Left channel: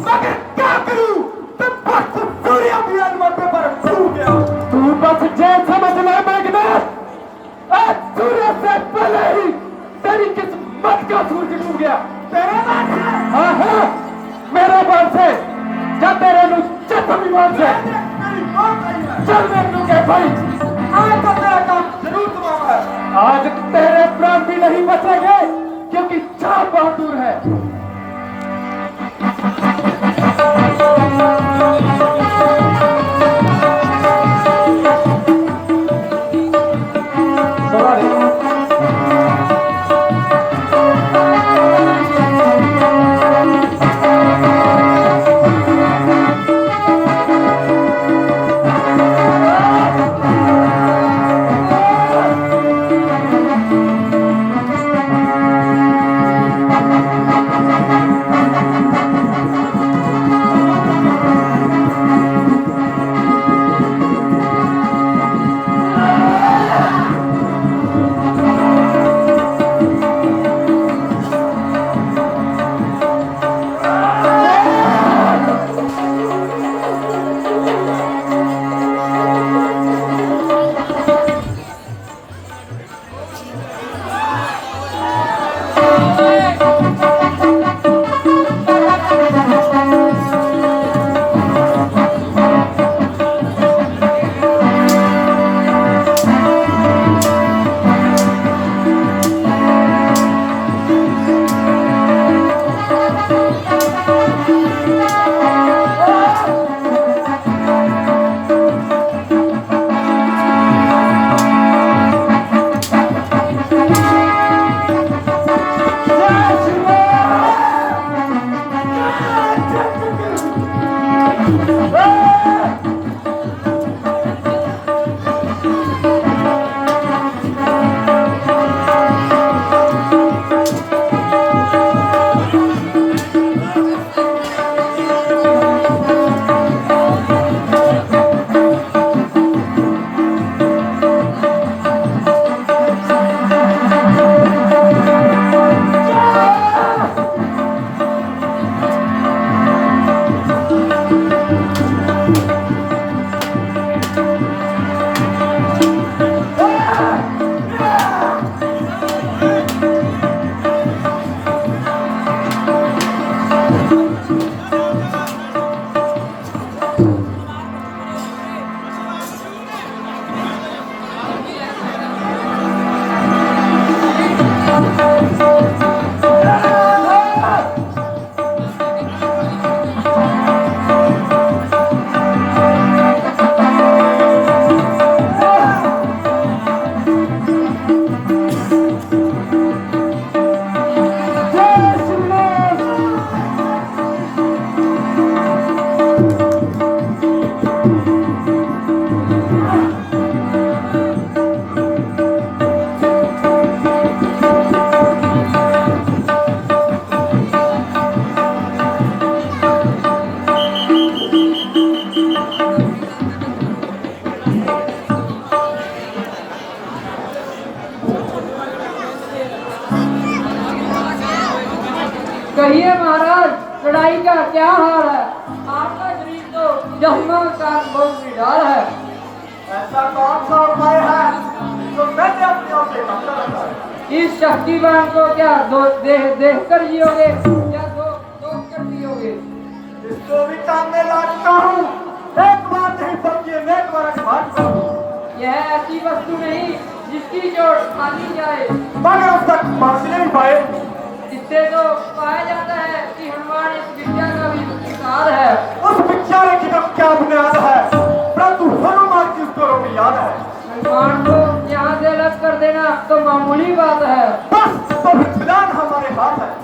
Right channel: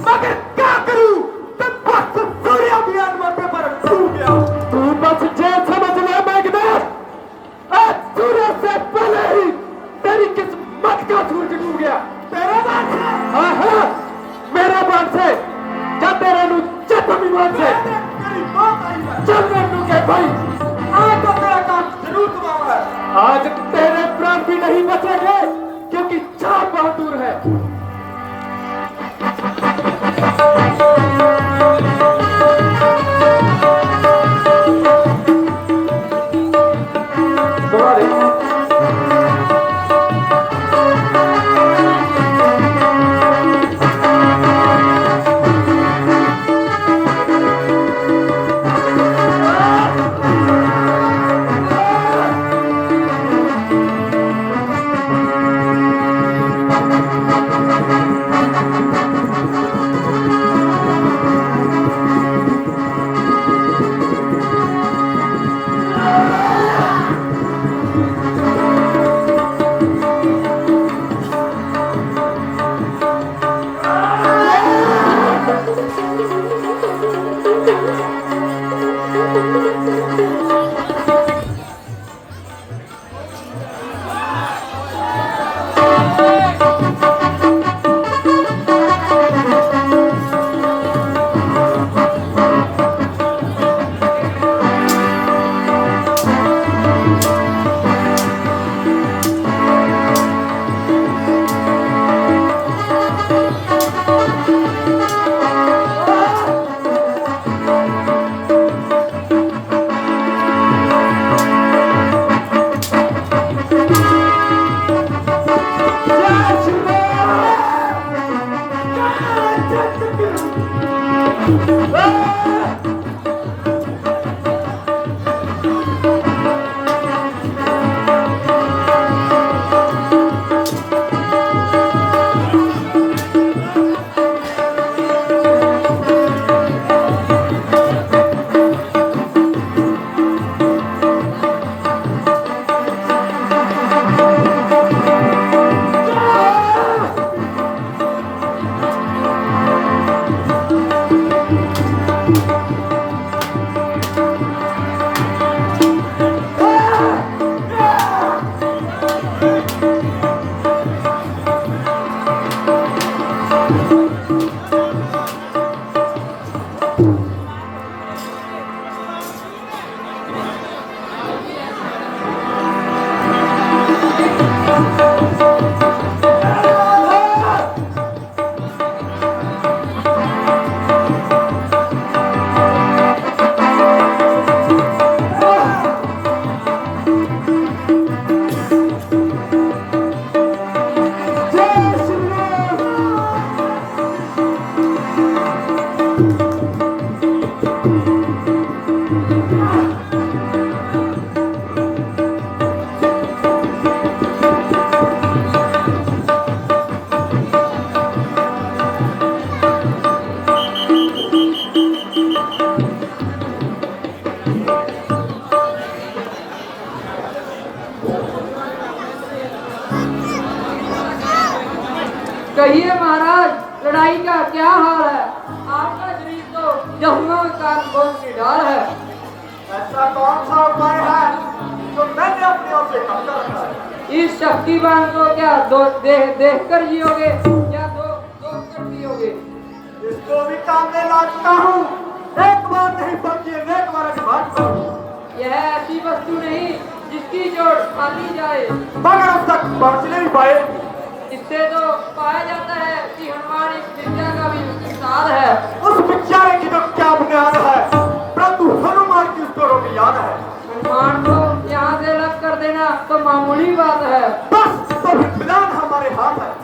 मगर क्या करूं तब वक्त सूर्य भी अनुमति पर डूब गया। तू बस जो समझ ले मैगना, आज सूरज से पहले ही तेरी किस्मत का सूरज डूब गया। तेरे नाम से? हाँ हाँ, मेरा बात से जब तेरा नु चत विमान से चल मैं तू के भाई आज तो तेरा काम जरूर करूंगा। आज तेरे प्राण भी नहीं बचेंगे क्योंकि छाप बहुत दूर है। कहिए महाराज, लड़ाई का क्या हाल है? आपका शरीर तो जहन्नुम का बहुत निढाल है। ऐसा कौन सा उपाय है जो मैंने अपने आप से करता रहता है? इस शक्तिमान को क्या देख कर जियोगे या दो कर जियोगे? इसको भी काम में लाता हूँ। एक बार नहीं बल्कि अनेक बार घाट करूँ। यह ऐसी वस्तु नहीं जिसकी चोट मानी जाए, मगर अब तक पहुँच नहीं पाए। इससे तो पाया जाता है कि हनुमान इस विद्या का भी विस्तार है। उस विद्या की तो क्या बुनियाद है, परंतु हनुमान की उसको भी याद है। हनुमान को यहाँ से अलग कर देना तो मामूली बात है। बस तो फिर विधान हमारे हाथ है।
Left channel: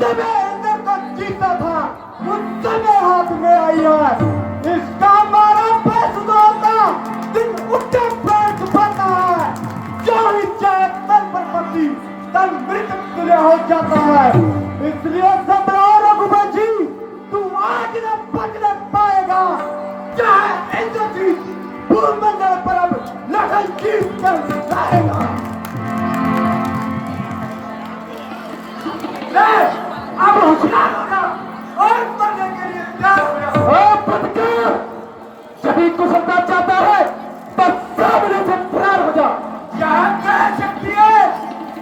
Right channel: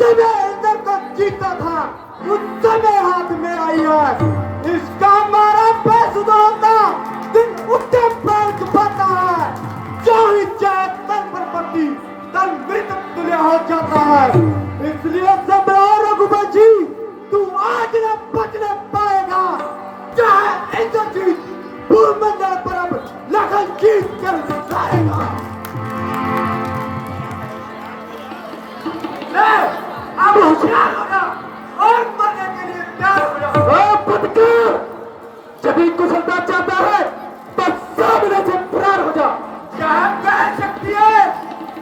समय अंदर तक जीता था उस समय हाथ में आई है। इसका मारा पैसा होता दिन उठे प्राण पाता है। जो ही चाहे तन पर पड़ती तन मृत तुल्य हो जाता है। इसलिए सबरा रघुबर जी तू आज न बच न पाएगा। चाहे इंद्रजीत भूमंडल पर अब लखन जीत कर दिखाएगा। अब होशियार हो गया और मरने के लिए तैयार हो गया। जब तू सत्ता चाहता है तो सामने से फरार हो जा। क्या कह सकती है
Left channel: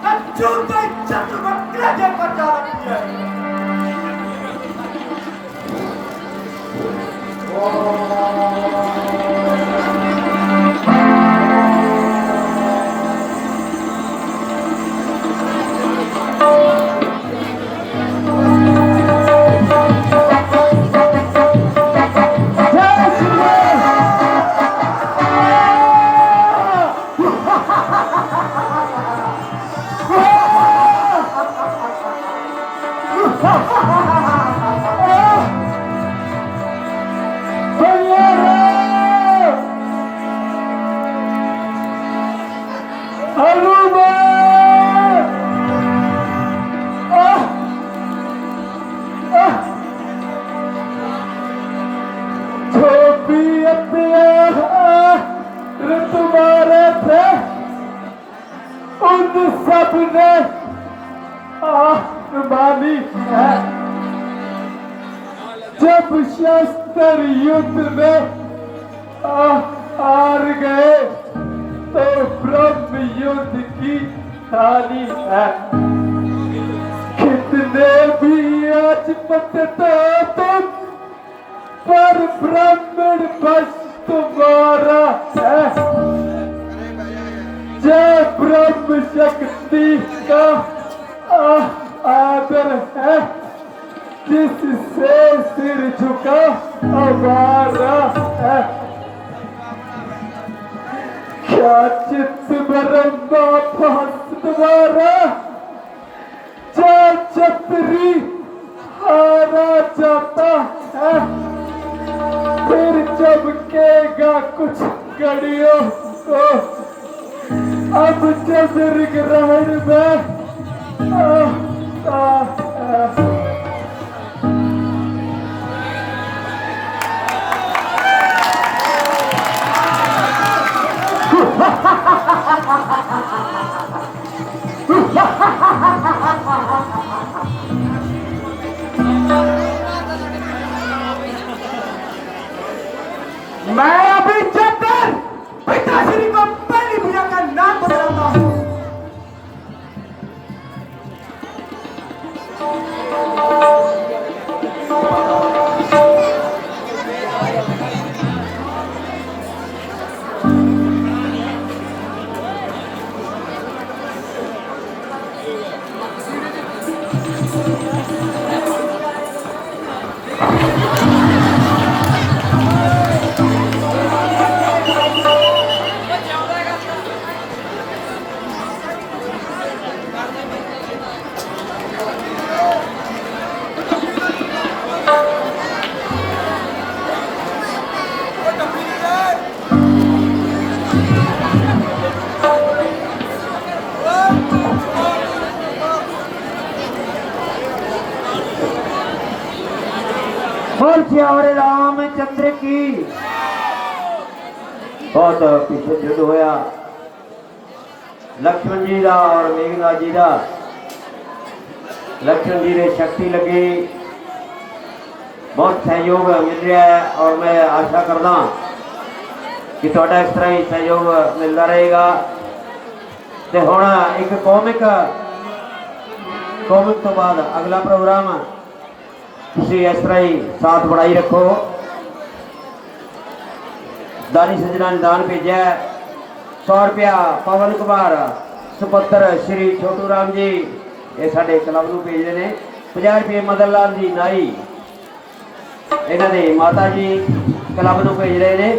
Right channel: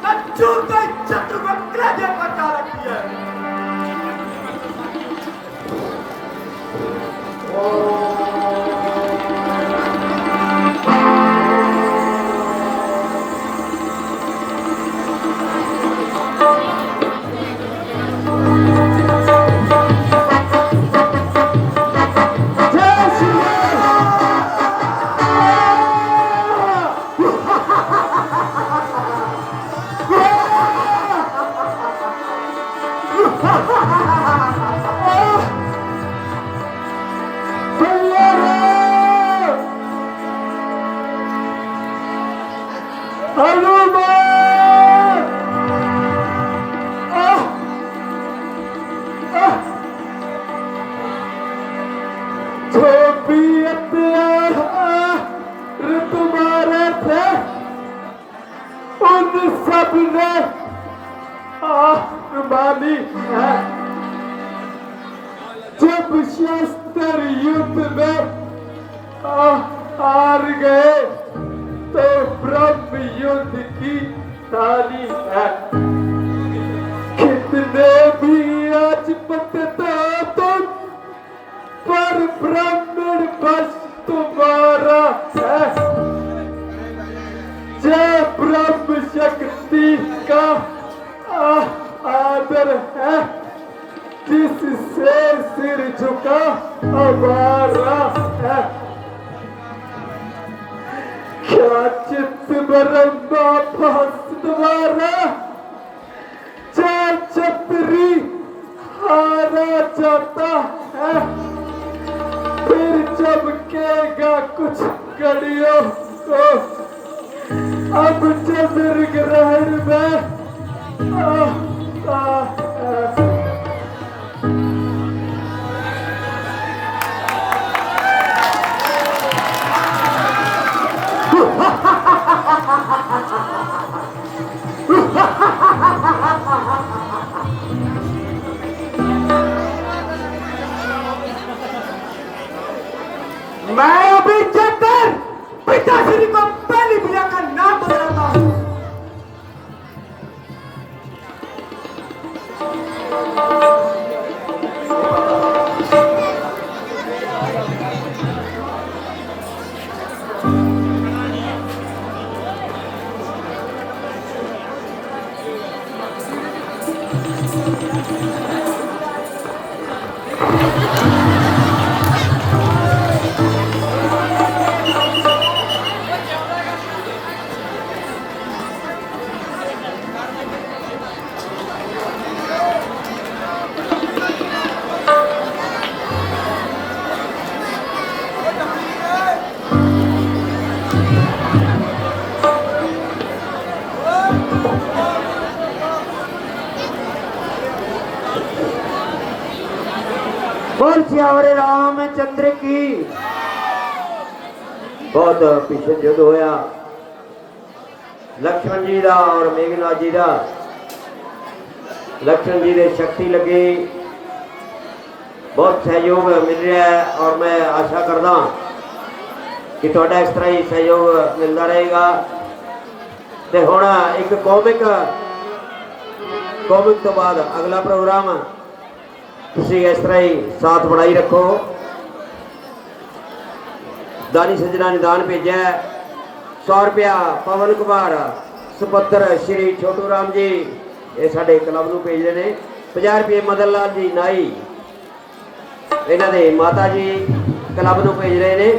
सच्चू के चक्र को क्रेजे पर जा रखी है। तुम्हारे थे उन सब ने मानी है। जब शस्त्र युद्ध में हार गए तो ब्रह्म युद्ध की थाली है। कितने भी आज पकड़ो तुम पर ब्राह्मण बस तुम्हारा है। जय ब्रह्म शक्ति का आदर है जिससे सिर झुका हमारा है। क्या चित्त ब्रह्मा भास तुम्हारा जय छतरी हारा जाता है। फिर चमकेगा कुछ घड़ियों को अब चंद्र ग्रहण में मैं अभी चेतर पिताश्री को पहली पूजा का नाम बताता हूँ। श्यावरे रामचंद्र की बहुत पीछे युद्ध होया। लक्ष्मण जी का और मेघनाथ जी का। लक्ष्मण जी ने शक्ति लगी बहुत सहयोग मिल रहा है और मैं आशा करदा कि थोड़ा इस तरह ही सहयोग मिलता रहेगा। तो हुण एक कॉमिक तो बाद अगला प्रोग्राम तुसी इस तरह ही साथ बढ़ाई रखो। दानी सजना ने दान भेजा 100 रुपया पवन कुमार सुपुत्र श्री छोटू राम जी ये साडे क्लब नूं भेज रहे हैं। 50 रुपये मदन लाल जी नाई इन्हां दे माता जी क्लब नूं भेज रहे हैं।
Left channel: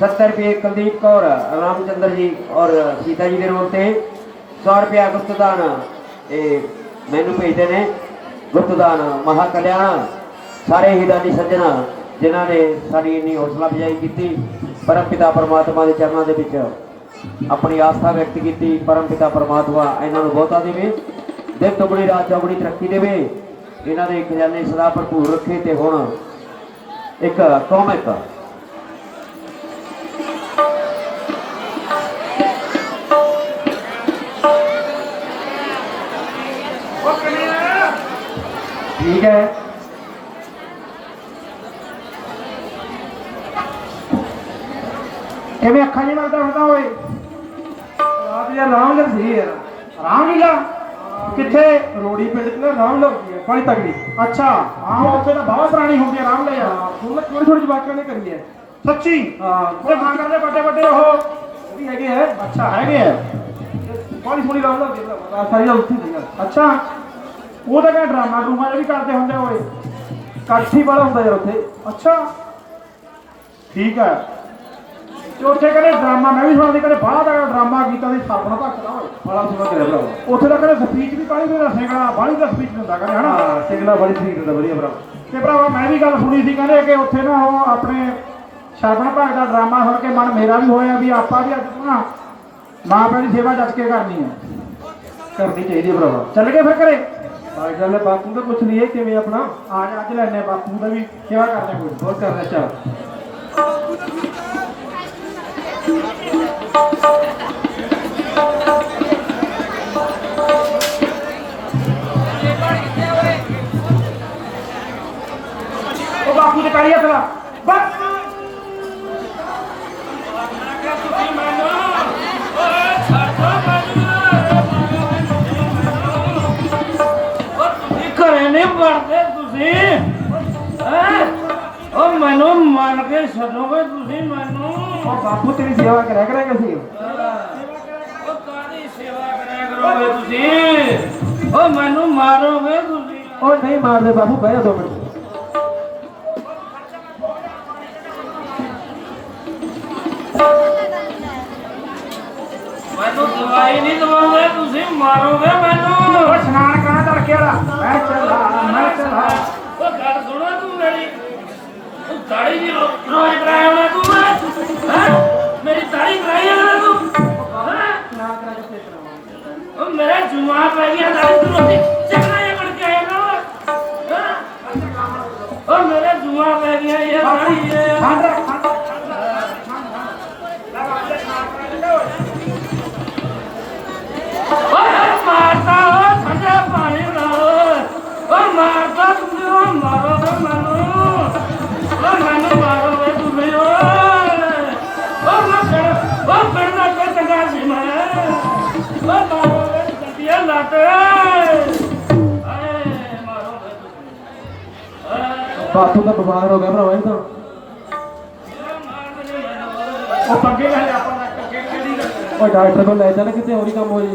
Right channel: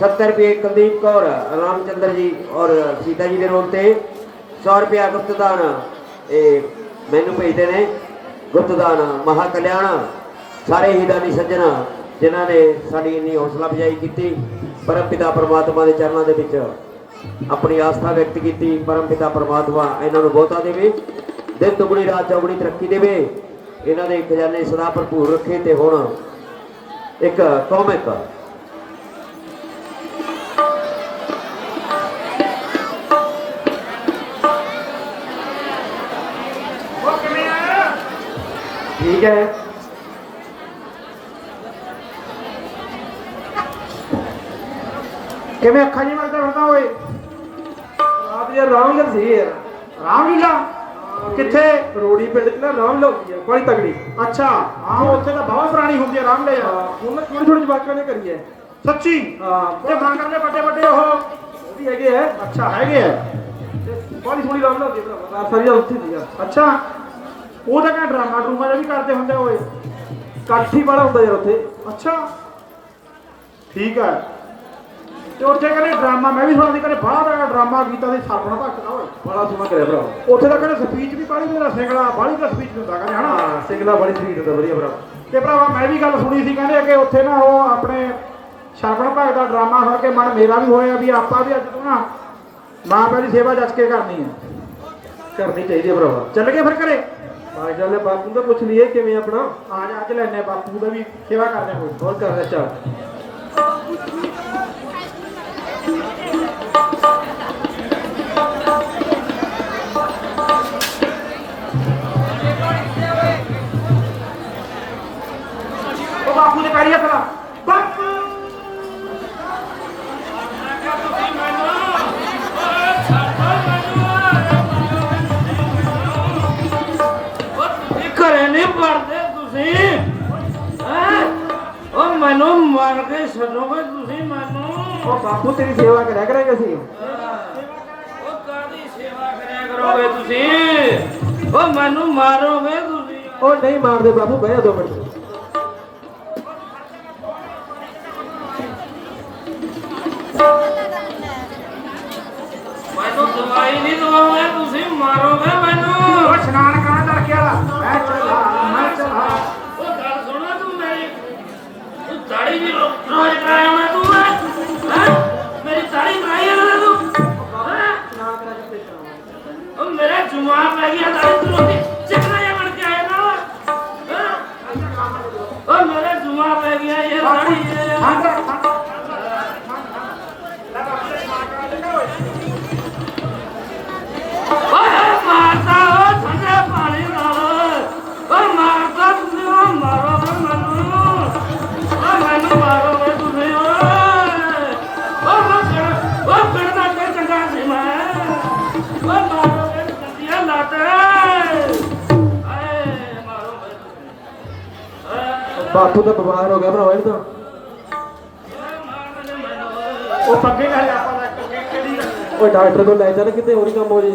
70 रुपये कुलदीप कौर रामचंद्र जी और सीता जी के रोल से। 100 रुपया गुप्तदान ये मैनू भेजते हैं। ਗੁਪਤਦਾਨ ਮਹਾਕਲਿਆਣ ਸਾਰੇ ਹੀ ਦਾਨੀ ਸੱਜਣ ਜਿਨ੍ਹਾਂ ਨੇ ਸਾਡੀ ਇੰਨੀ ਹੌਸਲਾ ਅਫਜ਼ਾਈ ਕੀਤੀ। ਪਰਮ ਪਿਤਾ ਪਰਮਾਤਮਾ ਦੇ ਚਰਨਾਂ ਦੇ ਵਿੱਚ ਆਪਣੀ ਆਸਥਾ ਵਿਅਕਤ ਕੀਤੀ। ਪਰਮ ਪਿਤਾ ਪਰਮਾਤਮਾ ਇਹਨਾਂ ਨੂੰ ਬਹੁਤਾ ਦੇਵੇ, ਦਿਨ ਦੁਗਣੀ ਰਾਤ ਚੌਗੁਣੀ ਤਰੱਕੀ ਦੇਵੇ, ਇਹਨਾਂ ਦੇ ਖਜ਼ਾਨੇ ਸਦਾ ਭਰਪੂਰ ਰੱਖੇ। ਤੇ ਹੁਣ ਇੱਕ ਕੌਮਿਕ ठीक है किवें अखा नहीं लगता फिरदा होए आज यार रामलीला सी यार रामलीला किथे रोड़ी पिंड च ना रामलीला होती है बड़ी तगड़ी अच्छा हां उत्थे तो बहुत पुरानी होती है रामलीला हुण थोड़ी थोड़ी जवाकां ने करी है सच्ची हां बड़े मां करदे बड़े बड़े ओह भी हैगे है अच्छा हैगे है बड़ी सोहनी रामलीला होती है सारी उत्थे सीगा अच्छा ਉਹ ਤਾਂ ਕਹਿੰਦਾ ਡਰਾਮਾ ਡਰੂਮਾ ਵੀ ਕਰਦੇ ਹੁੰਦੇ ਹੋਏ ਕਾਠੀ ਵਾਲਾ ਹੁੰਦਾ ਯਾਰ ਉੱਥੇ ਅੱਛਾ ਠੀਕ ਆ ਤੇ ਉੱਥੇ ਕਹਿੰਦੇ ਡਰਾਮਾ ਮੈਂ ਵੀ ਸੁਣਿਆ ਸੀ ਕਹਿੰਦੇ ਬਾਹਰ ਦਾ ਡਰਾਮਾ ਗੀਤਾਂ ਦੇ ਸਾਪਣਾ ਧੱਕਦਾ ਹੋਏ ਬੜਾ ਸੁਣਾ ਕਰਿਆ ਭਰਾ ਉੱਥੇ ਤਾਂ ਕਹਿੰਦੇ ਸਪੀਚ ਵੀ ਬਾਹਲੀ ਦਾ ਸਿੰਗਣਾ ਬਾਹਲੀ ਦਾ ਸਪੀਚ ਹੁੰਦਾ ਕਹਿੰਦੇ ਹਨਾ ਸਿੰਗਣਾ ਬੜੀ ਸਪੀਚ ਹੁੰਦਾ ਵਧੀਆ ਭਰਾ ਤੇ ਭਰਾਵਾ ਮੈਂ ਵੀ ਗੱਲ ਸੁਣੀ ਸੀ ਕਹਿੰਦੇ ਕਿ ਉੱਥੇ ਨਾ ਉਹ ਆਪਣੇ ਸ਼ਰਮਾ ਭਾਗ ਦਾ ਡਰਾਮਾ ਹੋ ਕੇ ਮਨ ਮੇਰਾ ਵੀ ਹੋਇਆ ਵੀ ਆਪਾਂ ਵੀ ਅੱਜ ਨਾ ਮਾਂ ਪਿਓ ਦੀ ਸੇਵਾ ਜੱਜ ਕੇ ਕਰਨੀ ਹੈ ਕਰਨੀ ਚਾਹੀਦੀ ਹੈ ਭਰਾਵਾ ਚੱਲ ਗਏ ਫਿਰ ਘਰੇ आज ले बापू का कुछ लिए कि मैं अपना आज लेने बापू का भी सेवा करने को बहुत करना चाह बापू ने करिया चला ਮਰਦੇ ਤੁਸੀਂ ਉਹ ਮੈਨੂੰ ਮੰਨ ਕੇ ਛੱਡੋਗੇ ਤੁਸੀਂ ਮੈਨੂੰ ਉਹ ਬਾਪੂ ਤੇਰੀ ਸੇਵਾ ਕਰਿਆ ਕਰਾਂਗੇ ਅਸੀਂ ਉਹ ਕਾਦੀ ਸੇਵਾ ਕਰਿਆ ਕਰੋਗੇ ਤੁਸੀਂ ਉਹ ਮੈਨੂੰ ਮਾਰੋਗੇ ਤੁਸੀਂ ਉਹ ਨਹੀਂ ਮਾਰਦੇ ਬਾਪੂ ਬਹਿ ਜਾ 2 ਮਿੰਟ ਮੈਨੂੰ ਦਵਾਈ ਨਹੀਂ ਦਵਾਓਗੇ ਤੁਸੀਂ ਮਾਰੋਗੇ ਮੈਨੂੰ ਉਹ ਇਸ਼ਨਾਨ ਕਰਾਂ ਦਾ ਰੱਖਿਆ ਮੈਂ ਚੱਲਾ ਉਹ ਗੱਲ ਸੁਣਾ ਤੂੰ ਮੇਰੀ ਤੂੰ ਦਾੜੀ ਵੀ ਰੋਜ਼ ਕਰਾਇਆ ਤੂੰ ਹੈ ਮੇਰੀ ਦਾੜੀ ਕਰਾਈ ਨਾ ਤੂੰ ਉਹ ਮੇਰੇ ਜੁਮਾ ਪੈ ਗਿਆ ਦਾੜੀ ਤੂੰ ਰੋਟੀ ਚੱਕਣਾ ਇਹ ਬਣ ਕੇ ਆਇਆ ਨਾ ਉਹ ਮੇਰੇ ਜੁਮਾ ਪੈ ਗਿਆ ਇਹ ਦਾੜੀ बापू तो बीमार हो गया भरा वही तो वो पक्के का ले आता वो डॉक्टर को ले जाना कितने और ही कम हो जाए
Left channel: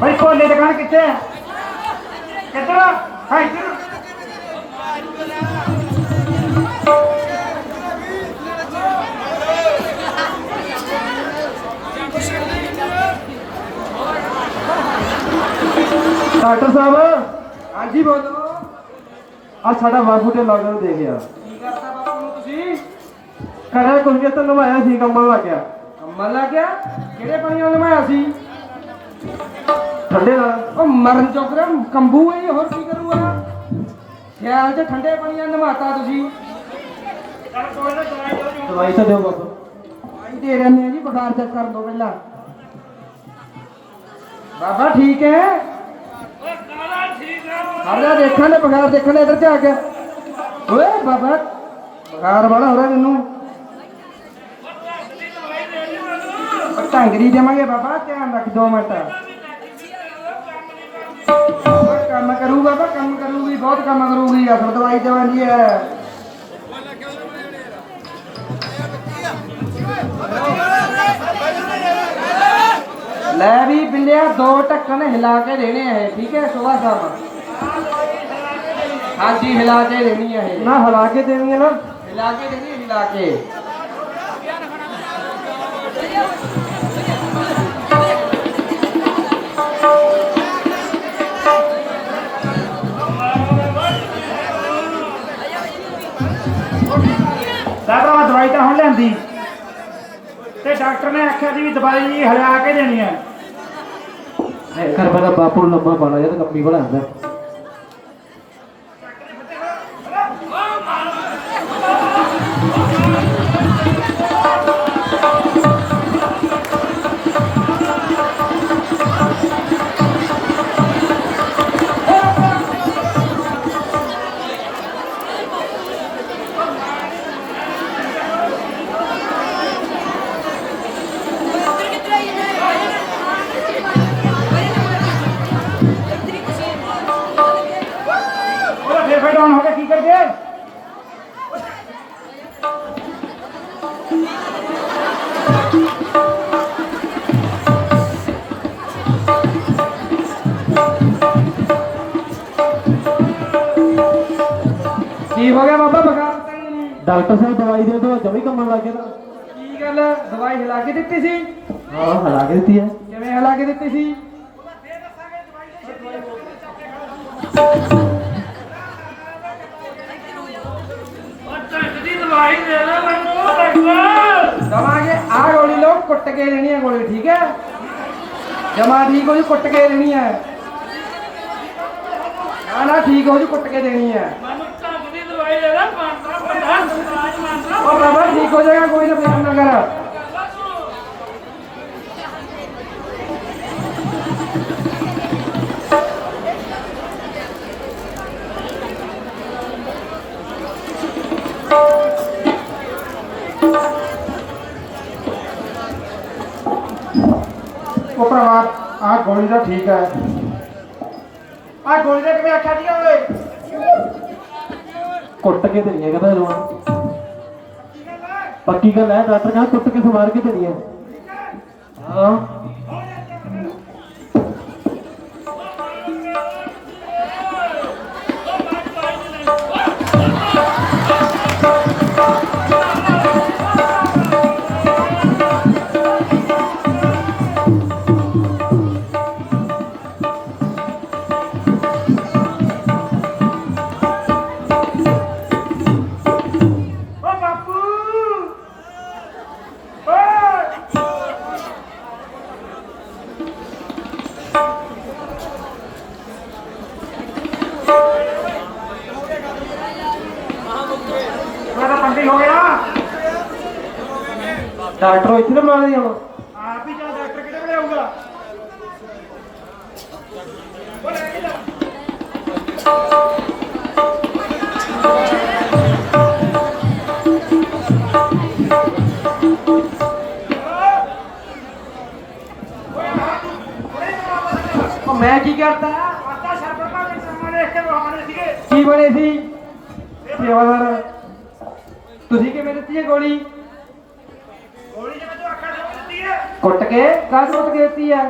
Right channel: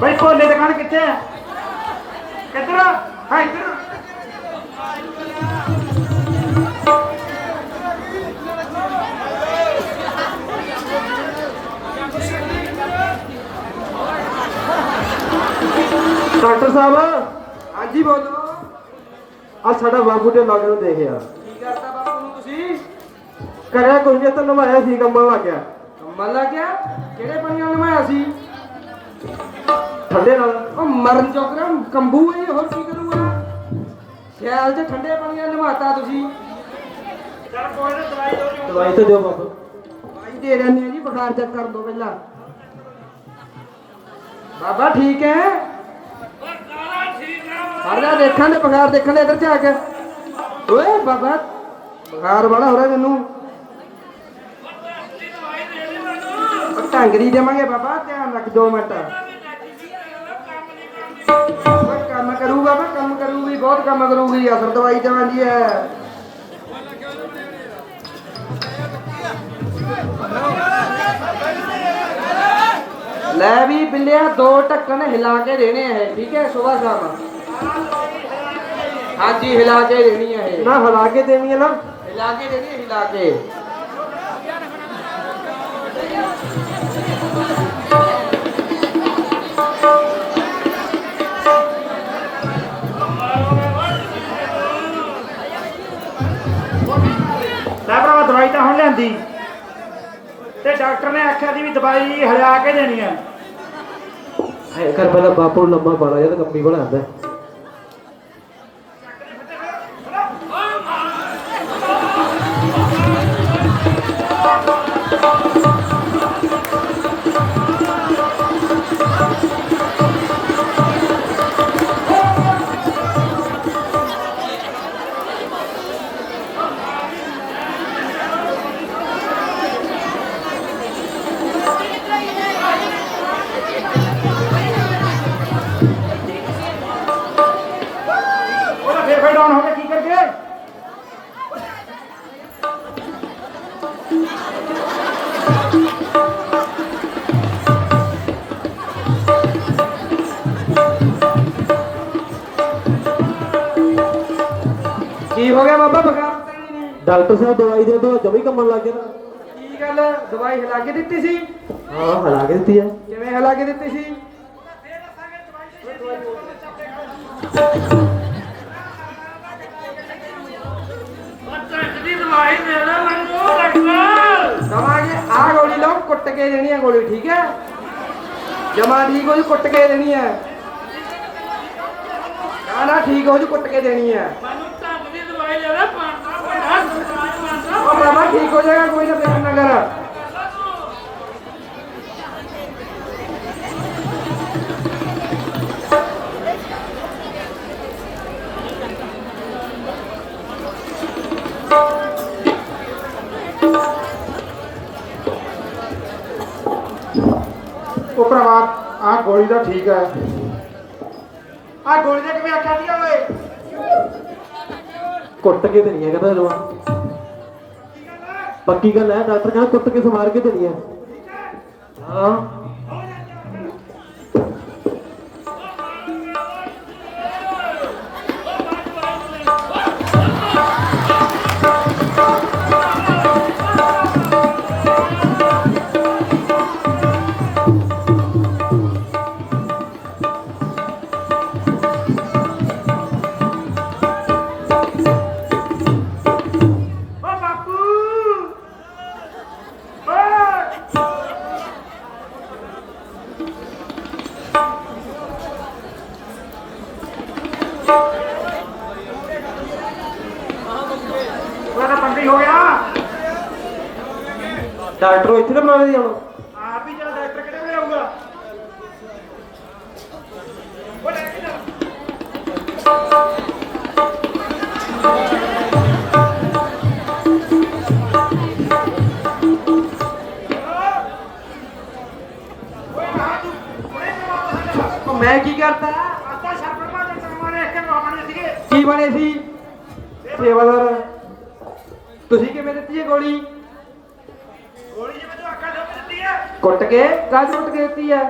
भाई फोन ले दुकान कितने कितना है इधर डॉक्टर साहब हाँ जी बोलो आज साडा बाबू ने मगर देख यार ਕੀ ਕਰਦਾ ਬਾਪੂ ਨੂੰ ਤੁਸੀਂ करा कुछ नहीं तो नवाया सी कंबल लग गया ਕੰਬਲ ਲੱਗ ਗਿਆ ਕਿਹੜੇ ਪਾਣੀ ਨਾਲ ਨਹਾਇਆ ਸੀ ठंडे ना ਉਹ ਮਰਨ ਚੋਕਰਾ ਕੰਬੂ ਹੈ ਹੋਰ ਕੀ ਕਰੂਗਾ ਖਿਆਲ ਤੇ ਠੰਡੇ ਪਾਣੀ ਨਾਲ ਨਹਾਤਾ ਤੁਸੀਂ दवाई तो दो बाबू ਭਾਈ ਦੇ ਰਹੇ ਆ ਜੀ ਬੁਖਾਰ ਚੈੱਕ ਕਰ ਲਓ ਪਹਿਲਾਂ ਬਾਬਾ ਠੀਕ ਹੈ ਹਰਦਾ ਦੇਖਾਂ ਤੇ ਬੁਖਾਰ ਦੇਖਣ ਦੇ ਇੱਧਰ ਜਾ ਕੇ ਓਏ ਬਾਬਾ ਬੁਖਾਰ ਬੜਾ ਹੋ ਰਿਹਾ ਮੈਨੂੰ ਢੰਗਰੀ ਦੇਵਾਂਗੇ ਬਾਬਾ ਧਿਆਨ ਰੱਖ 2 ਮਿੰਟ ਕੰਮ ਕਰੂਗਾ ਬਾ ਕੰਮ ਕਰੂਗੀ ਬਹੁਤ ਕੰਮ ਕਰੂਗੀ ਅਸਰ ਦਵਾਈ ਦੇਵਾਂਗੀ ਹੈ ਲੈ ਵੀ ਬਿੱਲਿਆ 2 ਢੱਕਣ ਹਿਲਾ ਕੇ ਦੇਣੇ ਹੈ ਠੀਕ ਹੈ ਸੁਬਹ ਸ਼ਾਮ ਹਾਂਜੀ ਹਿਲਾ ਕੇ ਦੇਣੀ ਹੈ ना हिला के देनी है ना हिला के देनी है, हिला के। साहब मैं दवाई तो हम लियांदी ते डॉक्टर ने आख्या सी भी दवाई हला के देनी है। कर पहला बापू लम्बा बड़ा या तो लंबी बड़ा आंदा फिर डाउन हो गया की करके की हो गया बाबा बुखार उतरनी नहीं? डॉक्टर साहब दवाई दे दो जमी कमन लग गया की गल है? दवाई हिला के दित्ती सी? हां हला के दी है किवें हिला के दित्ती सी? ਦੀ ਦਵਾਈ ਦੇ ਦੇ ਮੈਨੂੰ ਡਾਕਟਰ दवाई आ गोली लो, कुट के देनी है गोली, ठीक है? जमा ठीक हो जी, कुट के देनी है। ना ना ठीक हो जी, कुट के देनी है। ਮੈਨੂੰ ਢੰਗ ਦੀ ਦਵਾਈ ਦੇ ਦੇ ਮਾਰਦਾ ਵੱਡਾ ਸਰਾਜ ਮਾਰਦਾ और बाबा ठीक हो जाएगा, कोई ना ध्यान ना कर। ਉਹ ਭਰਾਵਾ ਆ ਗੋਲੀ ਤਾਂ ਠੀਕ ਆ ਆ ਗੋਲੀ ਦੇ ਕਿਵੇਂ ਆਖਿਆ ਦੀਆਂ ਓਏ ਕੁੱਟ ਕੇ ਦੇਣੀ ਹੈ ਕਹਿੰਦਾ ਜੋ ਪੱਕੀ ਗੱਲ ਹੈ ਡਾਕਟਰ ਕਹਿੰਦਾ ਕੁੱਟ ਕੇ ਮਾਰ ਕੇ ਦੇਣੀ ਹੈ ਹਾਂ ਓ ਬਾਪੂ ਓਏ ਮੇਰਾ ਪੰਡੀ ਹੋ ਗਿਆ ਡਾਕਟਰ ਇੱਥੇ ਨਾ ਮਾਰੇ ਹੁਣ ਆਪ ਹੀ ਚੱਲ ਡਾਕਟਰ ਕਿਹੜੇ ਵੇਲੇ ਆਊਗਾ ਉਹ ਲੈ ਕੇ ਜਾ और मैं की करता? ਆਤਾ ਸਰਪੰਚ ਦੇ ਸਾਹਮਣੇ ਇੱਕ ਕੇ ਬਹਾਨੇ ਸੀਗੇ की बने सी? सेवादार तुसी किवें दित्ती है गोली? ਗੋਲੀ ਜਿਵੇਂ ਤੂੰ ਅੱਖਾਂ ਦੇ ਦਿੱਤੀ ਹੈ कुट के? कद कुट के दित्ती है?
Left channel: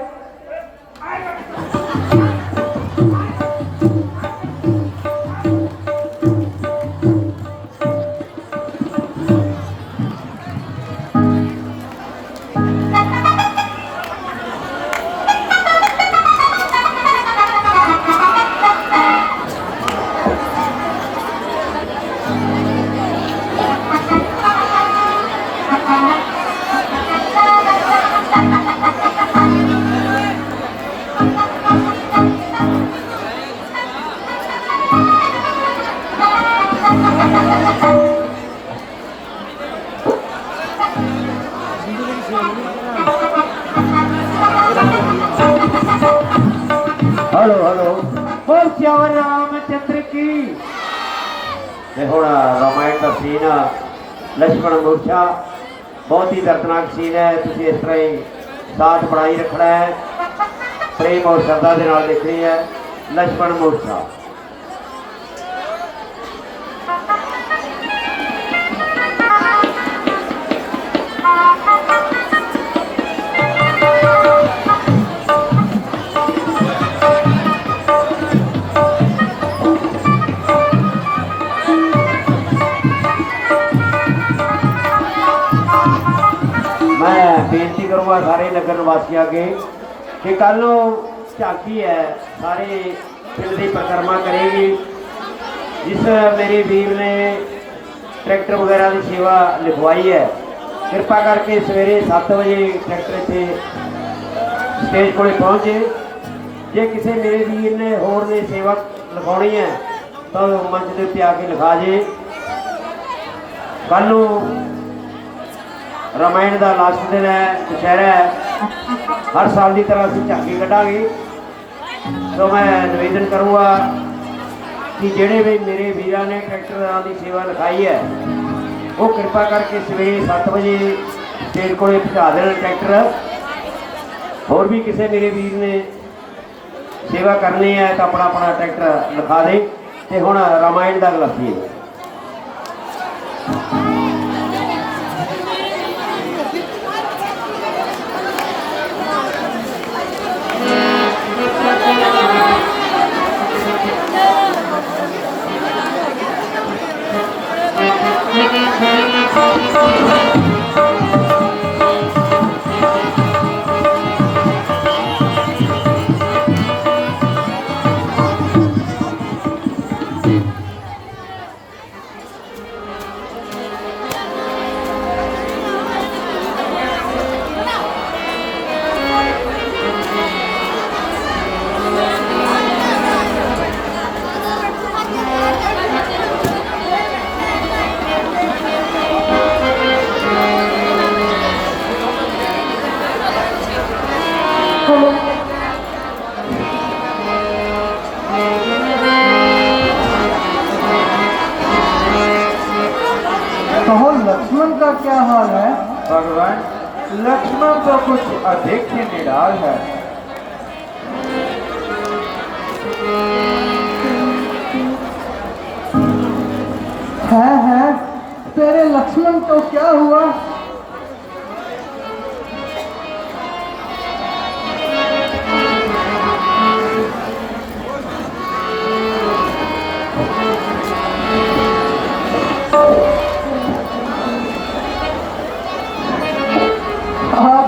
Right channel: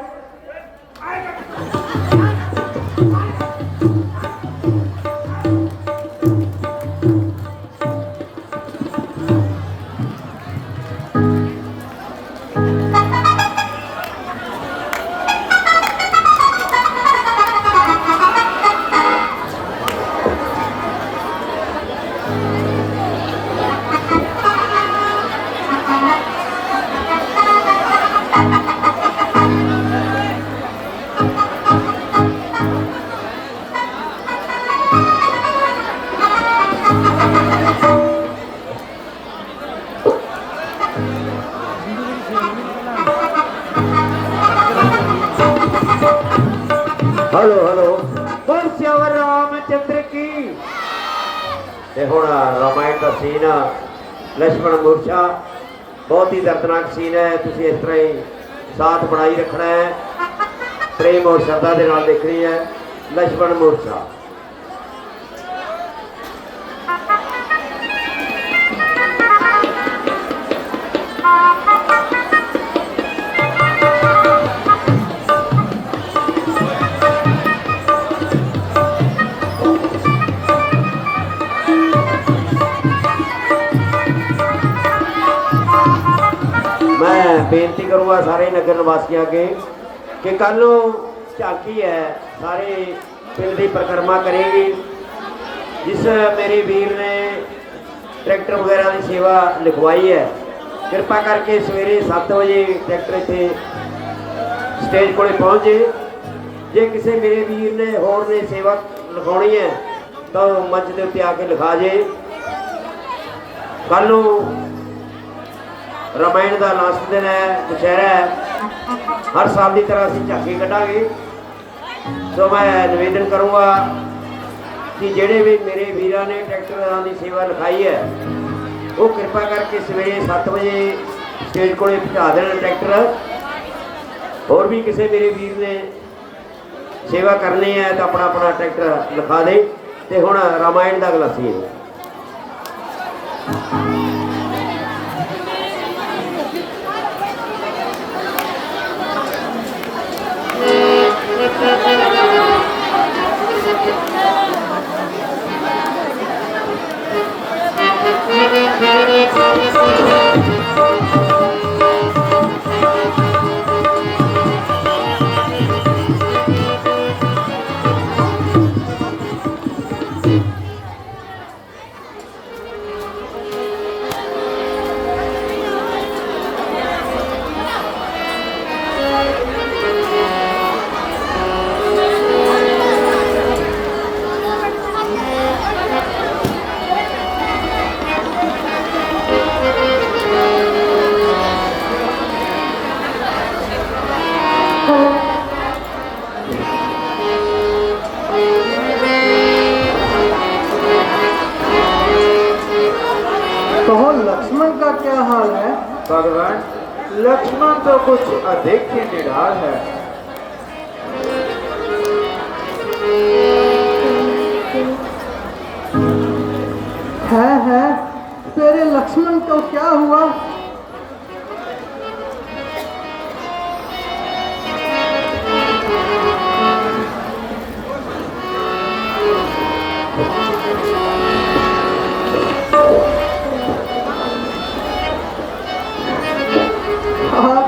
हेलो हेलो बोल श्यावर रामचंद्र की ये होना रामायण का सीन लक्ष्मण मूर्छा बहुत ही दर्दनाक सीन है तुझे इस तरह ही साथ बनाई रखना है प्रेम और श्रद्धा के नाल देखनी है लक्ष्मण मूर्छा बेनती करूँगा सारे नगर निवासियों अगे कि कल झांकी है सारे पिंड की परिक्रमा करेगी। जिस मेरे वीर ने ट्रैक्टर वगैरह की सेवा लिखवाई है, कृपा करके सवेरे 7 बजे ट्रैक्टर इतने स्टेज को पहुँचे। जे किसी मेरे वीर ने होर ने सेवा लिखानी है तो मंच के उत्ते आके लिखा जे। कल रामायण का लास्ट दिन है, दशहरा है। हर साल की तरह असीं झांकी कढ़ांगे। तो मैं निवेदन करूँगा कि जेड़े भी मेरे वीरां ने ट्रैक्टर की सेवा लिखाई है वो कृपा करके सवेरे 7 बजे स्टेज को पहुँचा देना ट्रैक्टर। और भी किसी मेरे वीर ने सेवा करनी है तो अपना अपना ट्रैक्टर लिखा दे। तो हुण रामायण का गलासीए। लक्ष्मण का क्या हाल है? भगवान, लक्ष्मण तो कुछ अधिक ही निराल है। है तेरे लक्ष्मण को क्या हुआ?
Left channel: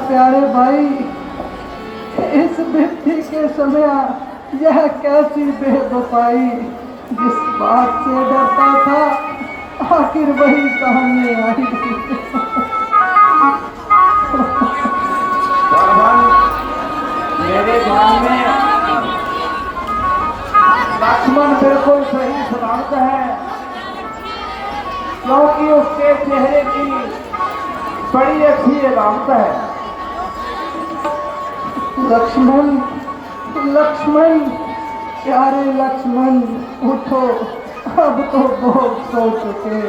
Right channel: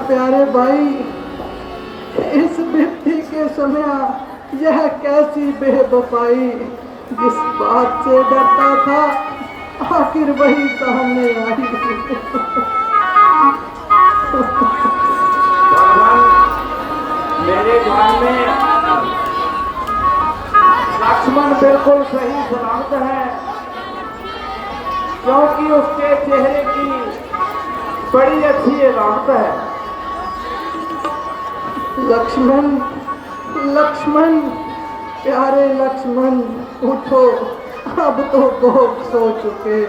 प्यारे भाई, इस व्यक्ति के समय यह कैसी बेवफाई, जिस बात से डरता था आखिर वही सामने आई। भगवान, मेरे ध्यान में लक्ष्मण बिल्कुल सही सलामत है, क्योंकि उसके चेहरे की बड़ी अच्छी अलामत है। लक्ष्मण, लक्ष्मण, प्यारे लक्ष्मण, उठो, अब तो बहुत सो चुके।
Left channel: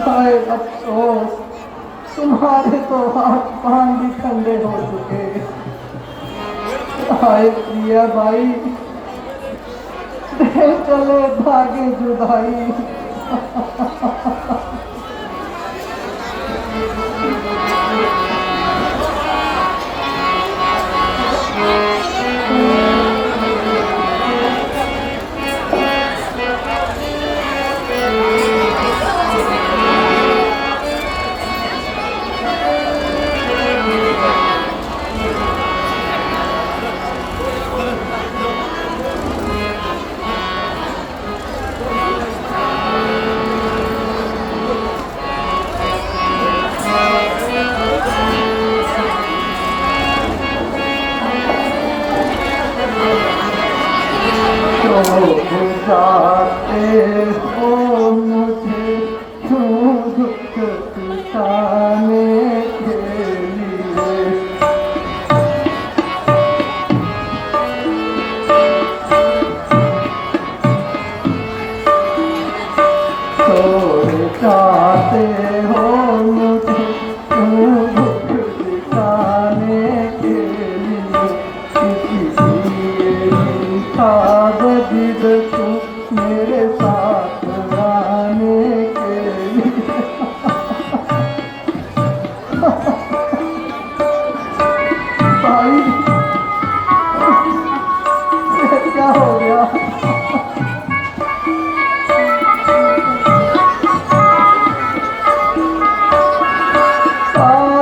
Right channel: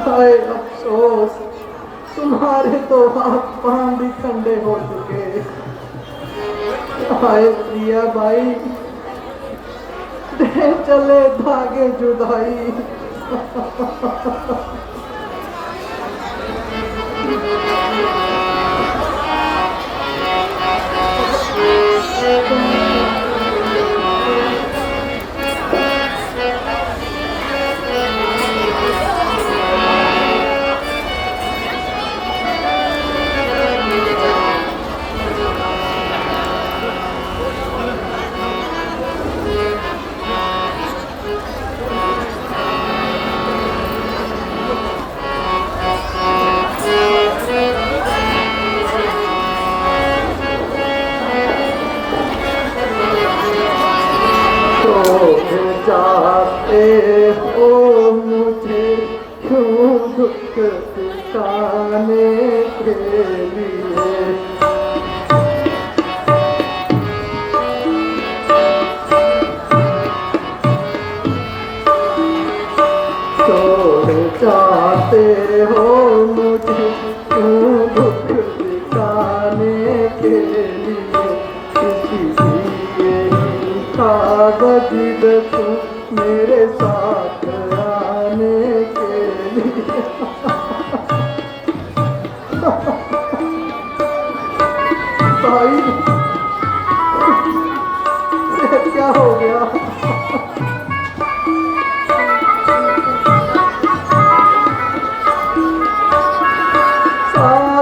हाय अफसोस, तुम्हारे तो हाथ पांव भी ठंडे हो चुके। हाय प्रिया भाई, दे चले धागे जुदाई। जाते हो मुझे क्यों दुख दिखाने के लिए, तो जाते हो मुझे क्यों दुख दिखाने के लिए, इसलिए था बदिल तू मेरे साथ आने के लिए। भाई, ये क्या हो गया? आ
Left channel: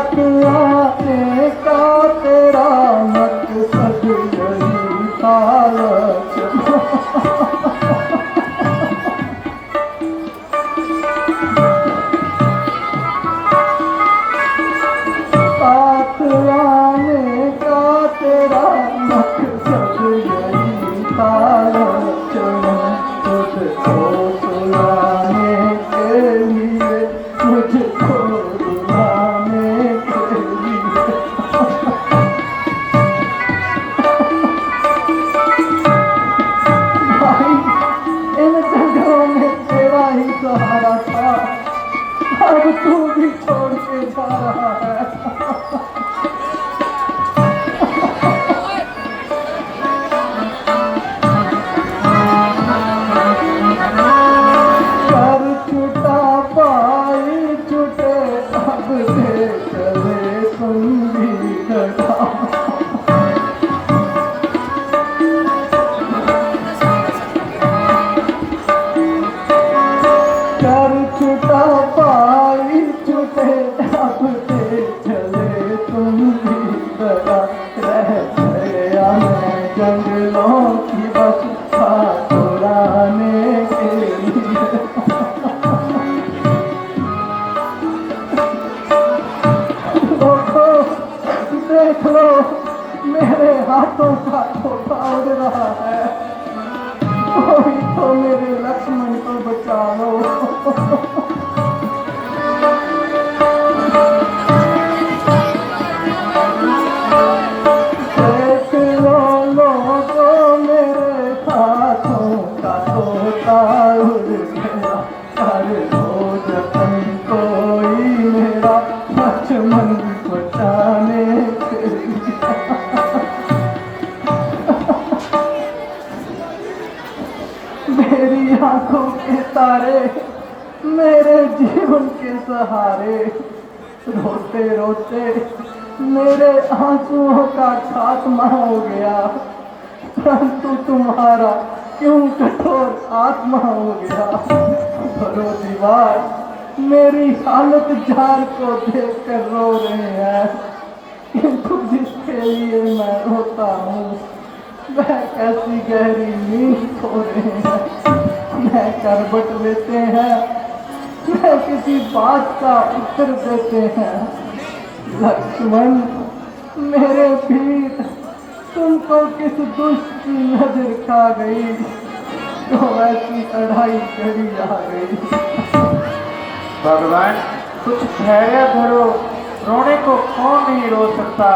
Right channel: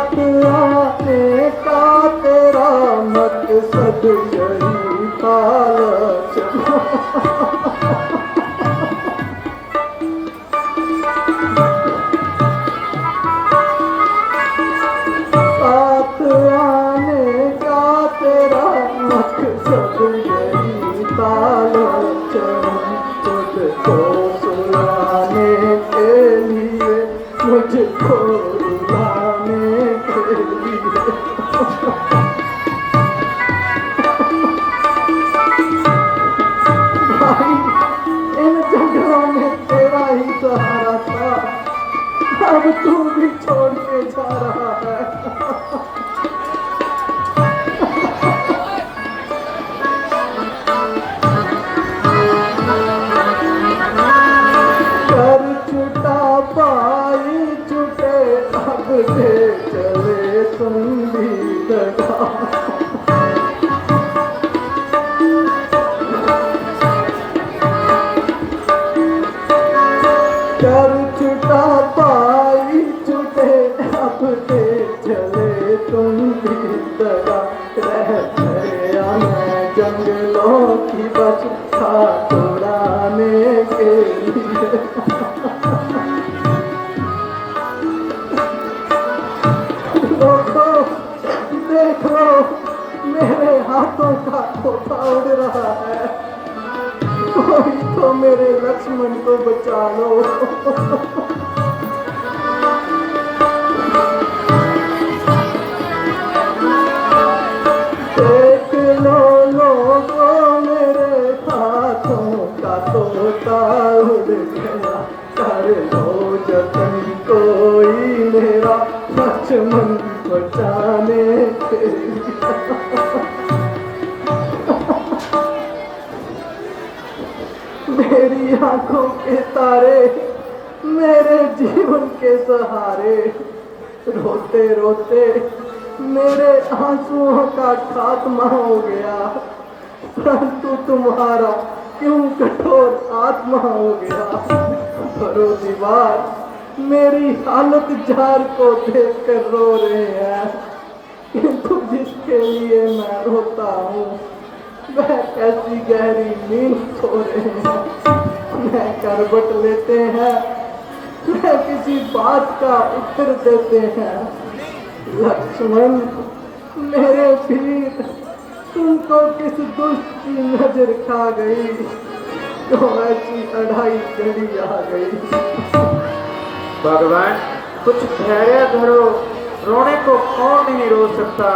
अब तू भी छोड़ के जा रहा है। कर छुटा पाई छुटे अब दे चले संगीत का। कर छुटा पाई छुटे अब दे चले तुम भी दगा। रह गया मैं जंगलों की बस खाने के लिए। देख लो मेरे हाथों का धोखा उड़ रहा है। कोई तो मेरे लक्ष्मण को बचा लो। देख लो लोगों मेरे हाथों का धोखा उड़ गया। कर लो जतन कोई मेरा लक्ष्मण बचाने के लिए। मेरी आंखों के तारे मेरे जीवन के सहारे। रोते रोते मेरे आंसुओं का खात्मा हो गया। परंतु तुम्हारा क्यों कठोर आत्मा हो गया। भरो दीवार मेरी हालत जार को देख कर रो रहे हैं। किंतु जिसके लिए मैं रोता हूँ वह कैसी गहरी नींद सो रहे हैं। मैं करवट लेते हैं, मैं किसी बात का उत्तर देते हैं। लक्ष्मण मेरे वीर, तुमको किस दुष्ट की नजर खा गई जो ऐसी अढ़ाई घड़ी आ गई। भगवान कुछ धैर्य धरो, रोने को कौन नहीं रो सकता,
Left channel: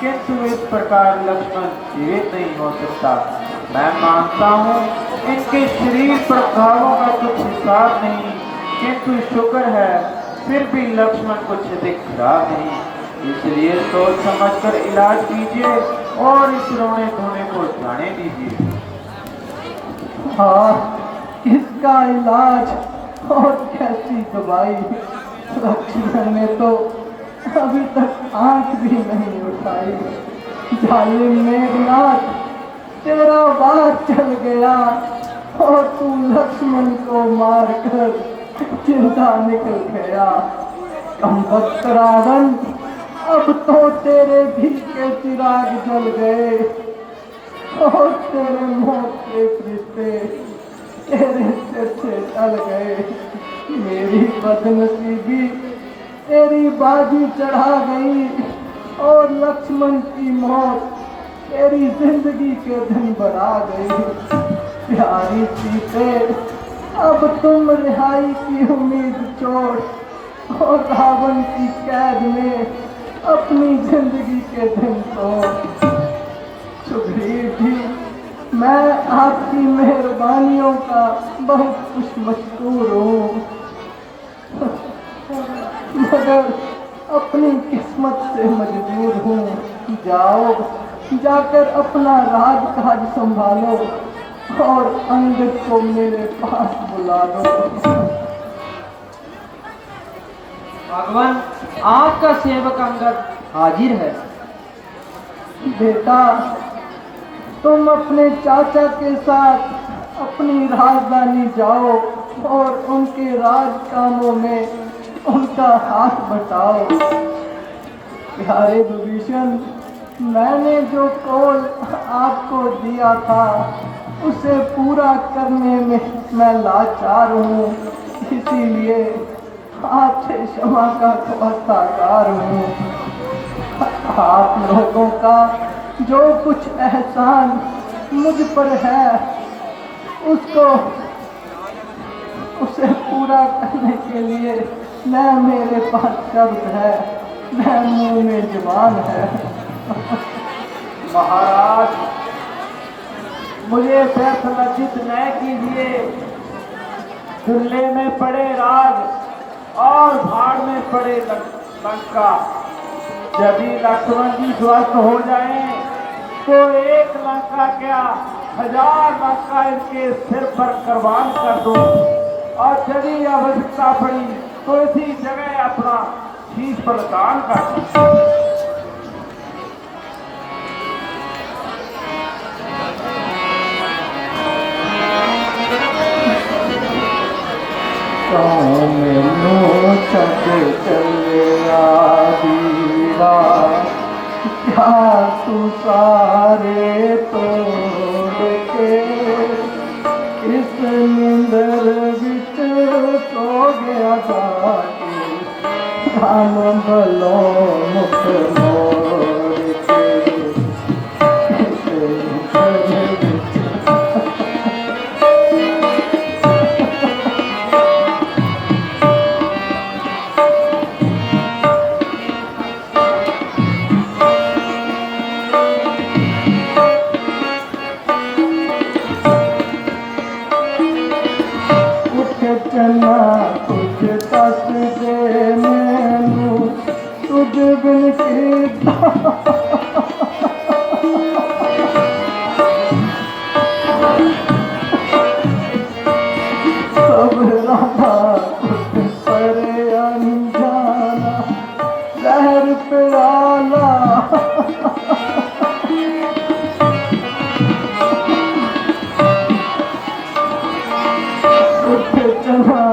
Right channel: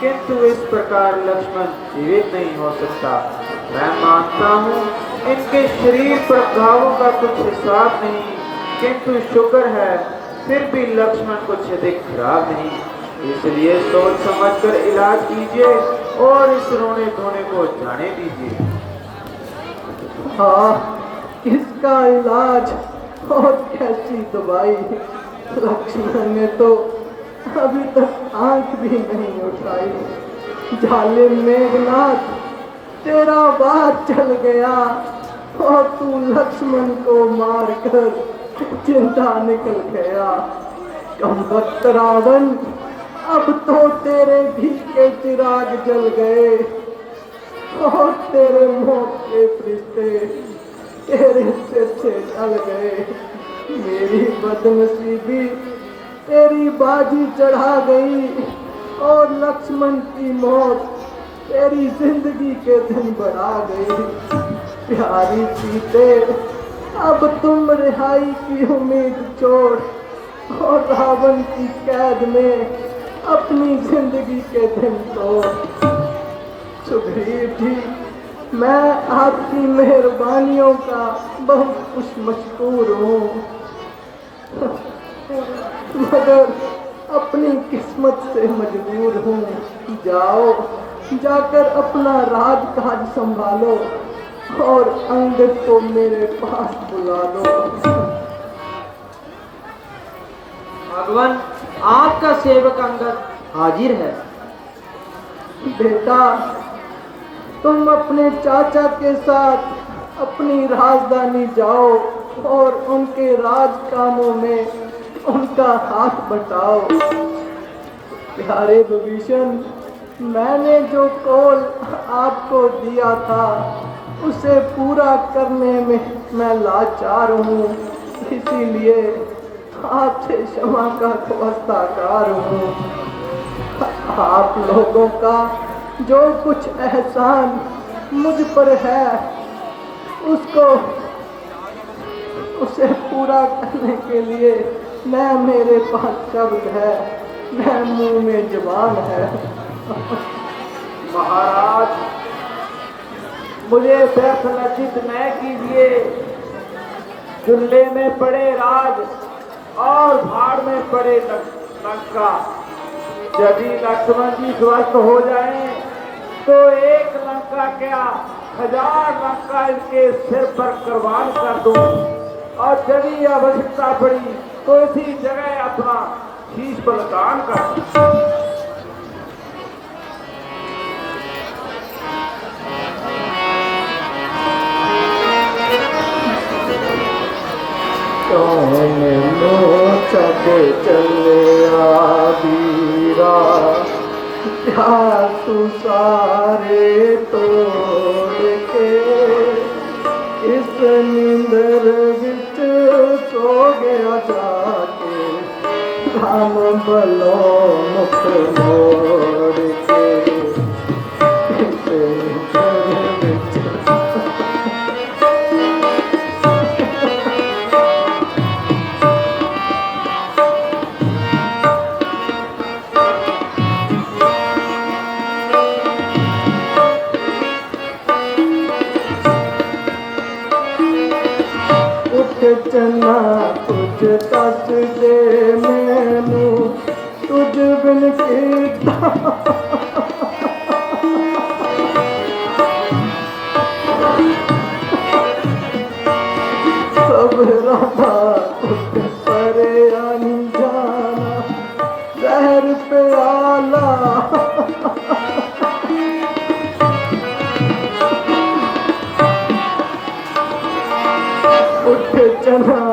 किंतु इस प्रकार लक्ष्मण जीवित नहीं हो सकता। मैं मानता हूँ इनके शरीर प्रभावों का कुछ हिसाब नहीं, किंतु शुक्र है फिर भी लक्ष्मण कुछ अधिक खराब नहीं। इसलिए सोच समझकर इलाज कीजिए और इस रोने धोने को जाने दीजिए। हाँ, इसका इलाज और कैसी दवाई। लक्ष्मण ने तो अभी तक आंख भी नहीं उठाई। जालिम मेघनाथ तेरा बार चल गया और तू लक्ष्मण को मारकर जिंदा निकल गया। कमबख्त रावण अब तो तेरे भी के चिराग जल गए और तेरे मौत के फरिश्ते तेरे सिर से टल गए। मेरी बदनसीबी तेरी बाजी चढ़ा गई और लक्ष्मण की मौत तेरी जिंदगी के दिन बढ़ा गई। प्यारी सीते अब तुम रिहाई की उम्मीद छोड़ और रावण की कैद में अपनी जिंदगी के दिन तोड़। सुग्रीव जी, मैं आपकी मेहरबानियों का बहुत कुछ मशहूर हूँ, मगर अपनी किस्मत से मजबूर हूँ। जाओ, जाकर अपना राजकाज संभालो और अंगद को मेरे पास बुला लो। भगवान आपका सेवक अंगद हाजिर है। बेटा, तुम अपने चाचा के साथ अपनी राजधानी जाओ और उनके राज कामों में उनका हाथ बटाओ। प्यारे विभीषण, मैंने जो कौल आपको दिया था उसे पूरा करने में मैं लाचार हूँ, इसीलिए आपसे क्षमा का खवास्ताकार हूँ। आप लोगों का जो कुछ एहसान मुझ पर है उसे पूरा करने के लिए मैं मेरे पास शब्द है, मैं मुंह में जुबान है। महाराज, मुझे व्यसनचित न कीजिए। दुल्ले में पड़े राज और पड़े लंका। यदि लक्ष्मण जी स्वस्थ हो जाएं तो एक लंका क्या 1000 लंका इसके सिर पर कुर्बान कर दूं, और यदि आवश्यकता पड़ी तो इसी जगह अपना शीश बलिदान कर दूं। क्या तू सारे तोड़ के इस निंदर विच सो गया जाके, धन बलो मुख मोड़ के इस निंदर विच। चना तुझ तक दे मैनू तुझ बिन कीता, सब राधा तुझ परे अनजाना जहर प्याला। चना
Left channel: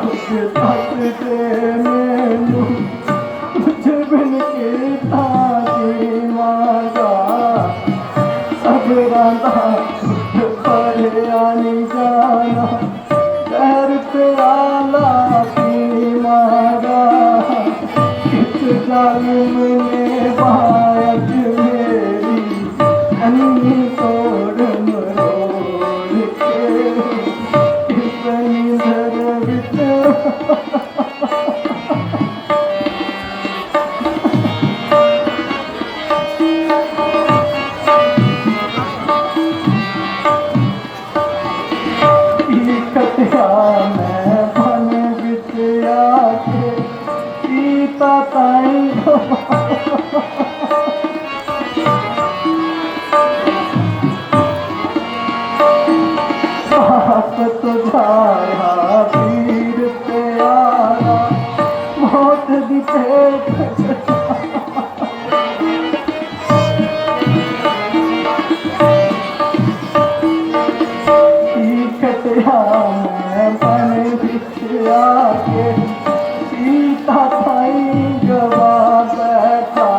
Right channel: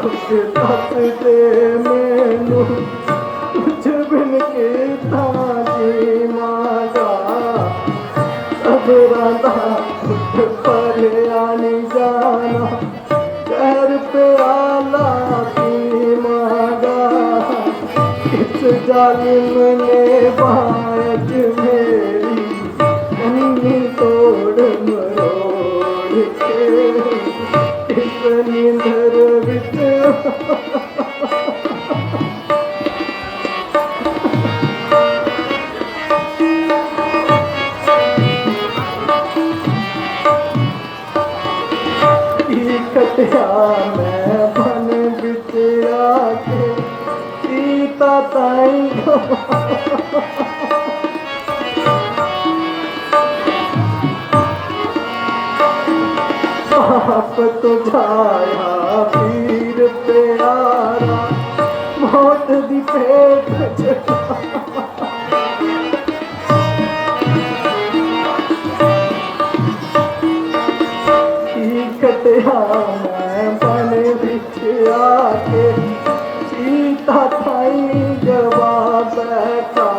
कुछ तक दे मैनू कुछ बिन कीता जी मांगा, सब राधा कुछ परे आनी जाना जहर प्याला की मांगा। इस जालिम ने बाज मेरी अन्नी तोड़ मरोड़ के इस निंदर विच। कटिया मैं बन विच आके पीता ताई आप तुझाया पीर प्यारा मौत दी भेंट कटिया मैं बन विच आके सीता थाई जवाब बैठा,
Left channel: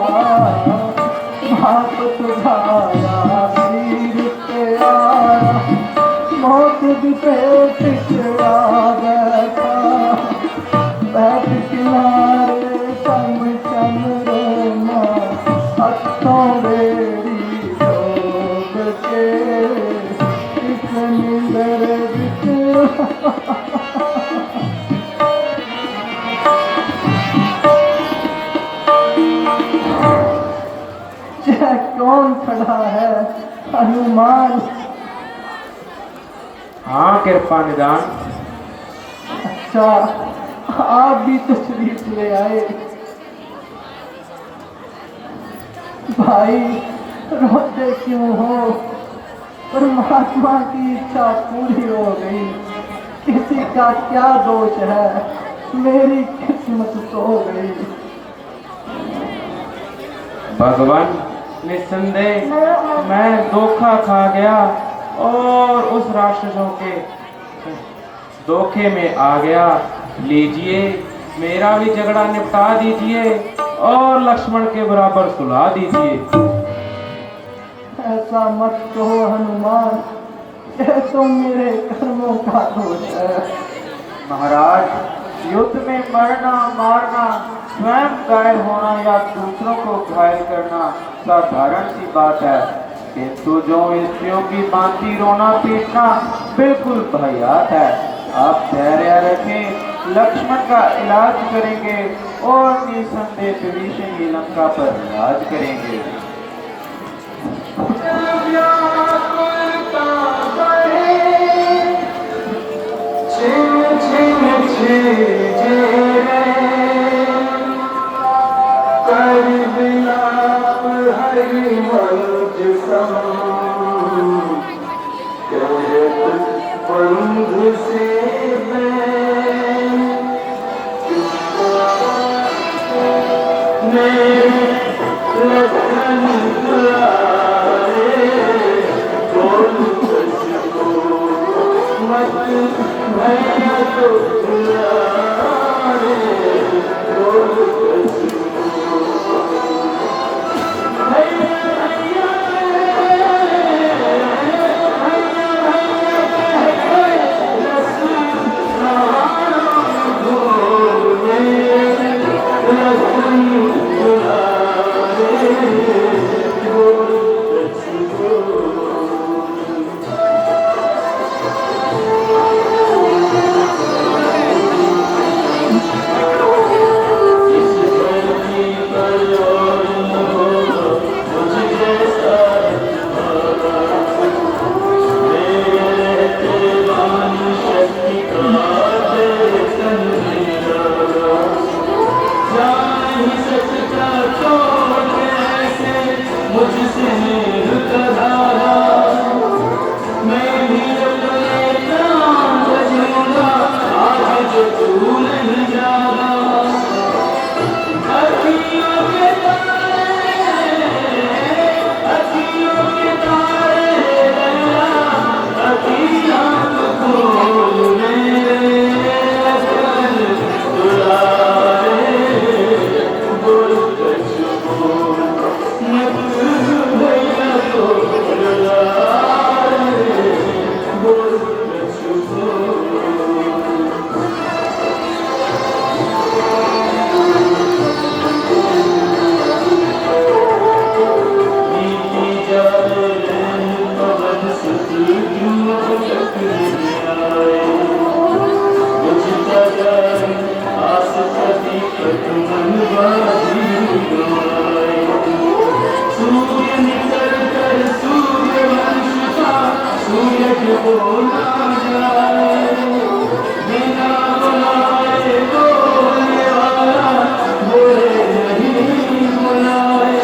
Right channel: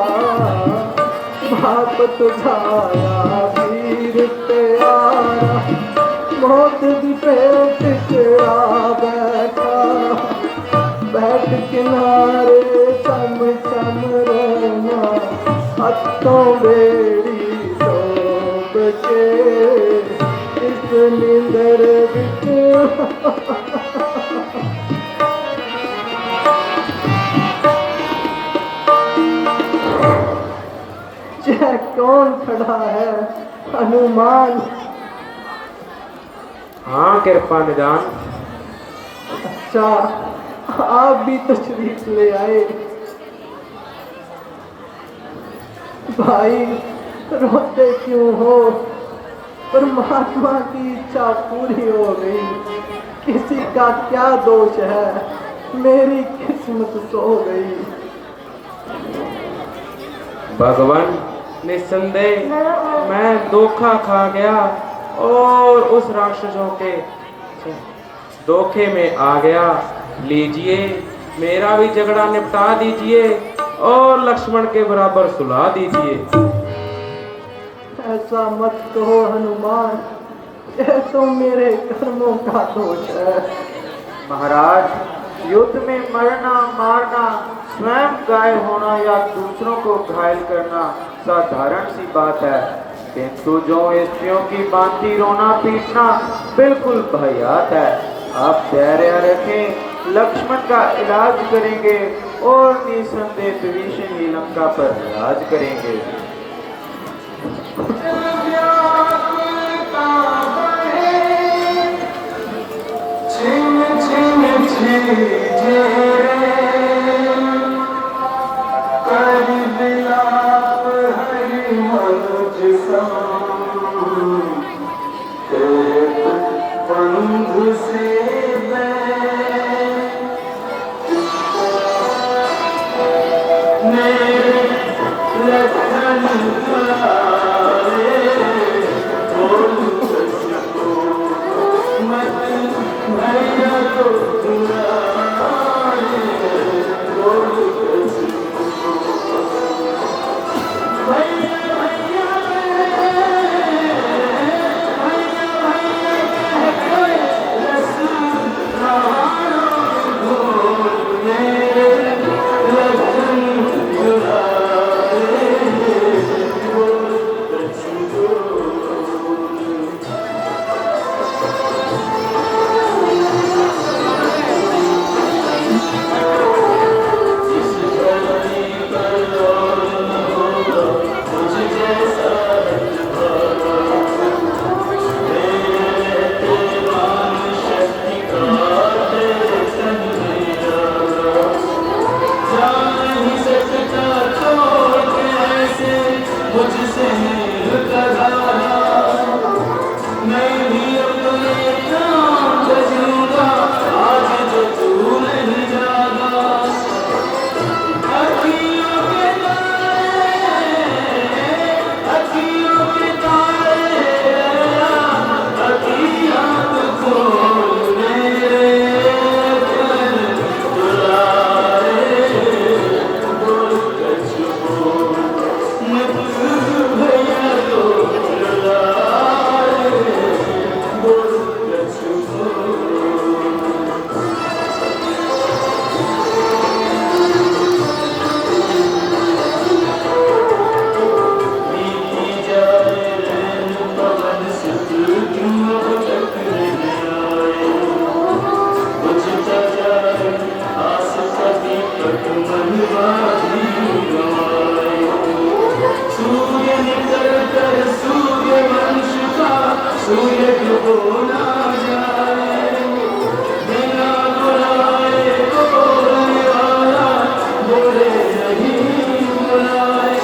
बाप तुझाया पीर प्यारा मौत दी भेंट चढ़ा बैठा। बैठ किनारे चम चम रोना हथों बेड़ी तोड़ के इस निंदर विच। यह कौन खड़ा है हनुमान? हाँ कृपा निदान। अच्छा आप भी तशरीफ ले आए। भाई रोते क्यों हो? परमात्मा की इच्छा पूरी हो गई, किसी का क्या दोष है, मेरी किस्मत सो गई। भगवान निस्संदेह मैं धोखा खा गया और उस राक्षसों के धोखे में आ गया। लीजिए मेरा भी झगड़ा निपटा दीजिए और लक्ष्मण के बराबर सुला दीजिए। ऐसा मत कहो हनुमान, यह तो मेरे कर्मों का दोष है। महाराज युद्ध में मरना मारना, स्वयं घायल होना या दूसरों को घायल करना साधारण सी बात है, किंतु जो स्त्रियों की भांति रोना पीटना बिल्कुल वाहियात है। आप धैर्य रखें, लक्ष्मण का इलाज करेंगे और निसंदेह विभीषण ही लंका पर राज करेंगे। छिन छिन छिन से मेरे लखन दुलारे बोल तुझको मत भैया तो दुलारे बोल तुझको भैया भैया भैया भैया कह कोई रसूल बोल मेरे लखन दुलारे बोल तुझको मुझसे मिलता धारा मैं भी अपने प्राण बजूंगा आज जो तू नहीं जाना अखियों के तारे अखियां खोल मेरे लखन दुलारे बोल तुझको भैया तो दुलारे बोल तुझको नीति जाए पवन सुत क्यों भटक आए मुझ जाए आस पति कट मन बाधी गवाए सूर्य निकल कर सूर्य वंश का सूर्य क्यों ना जाए बिना बुलाए तो निराला बोले नहीं बुलाए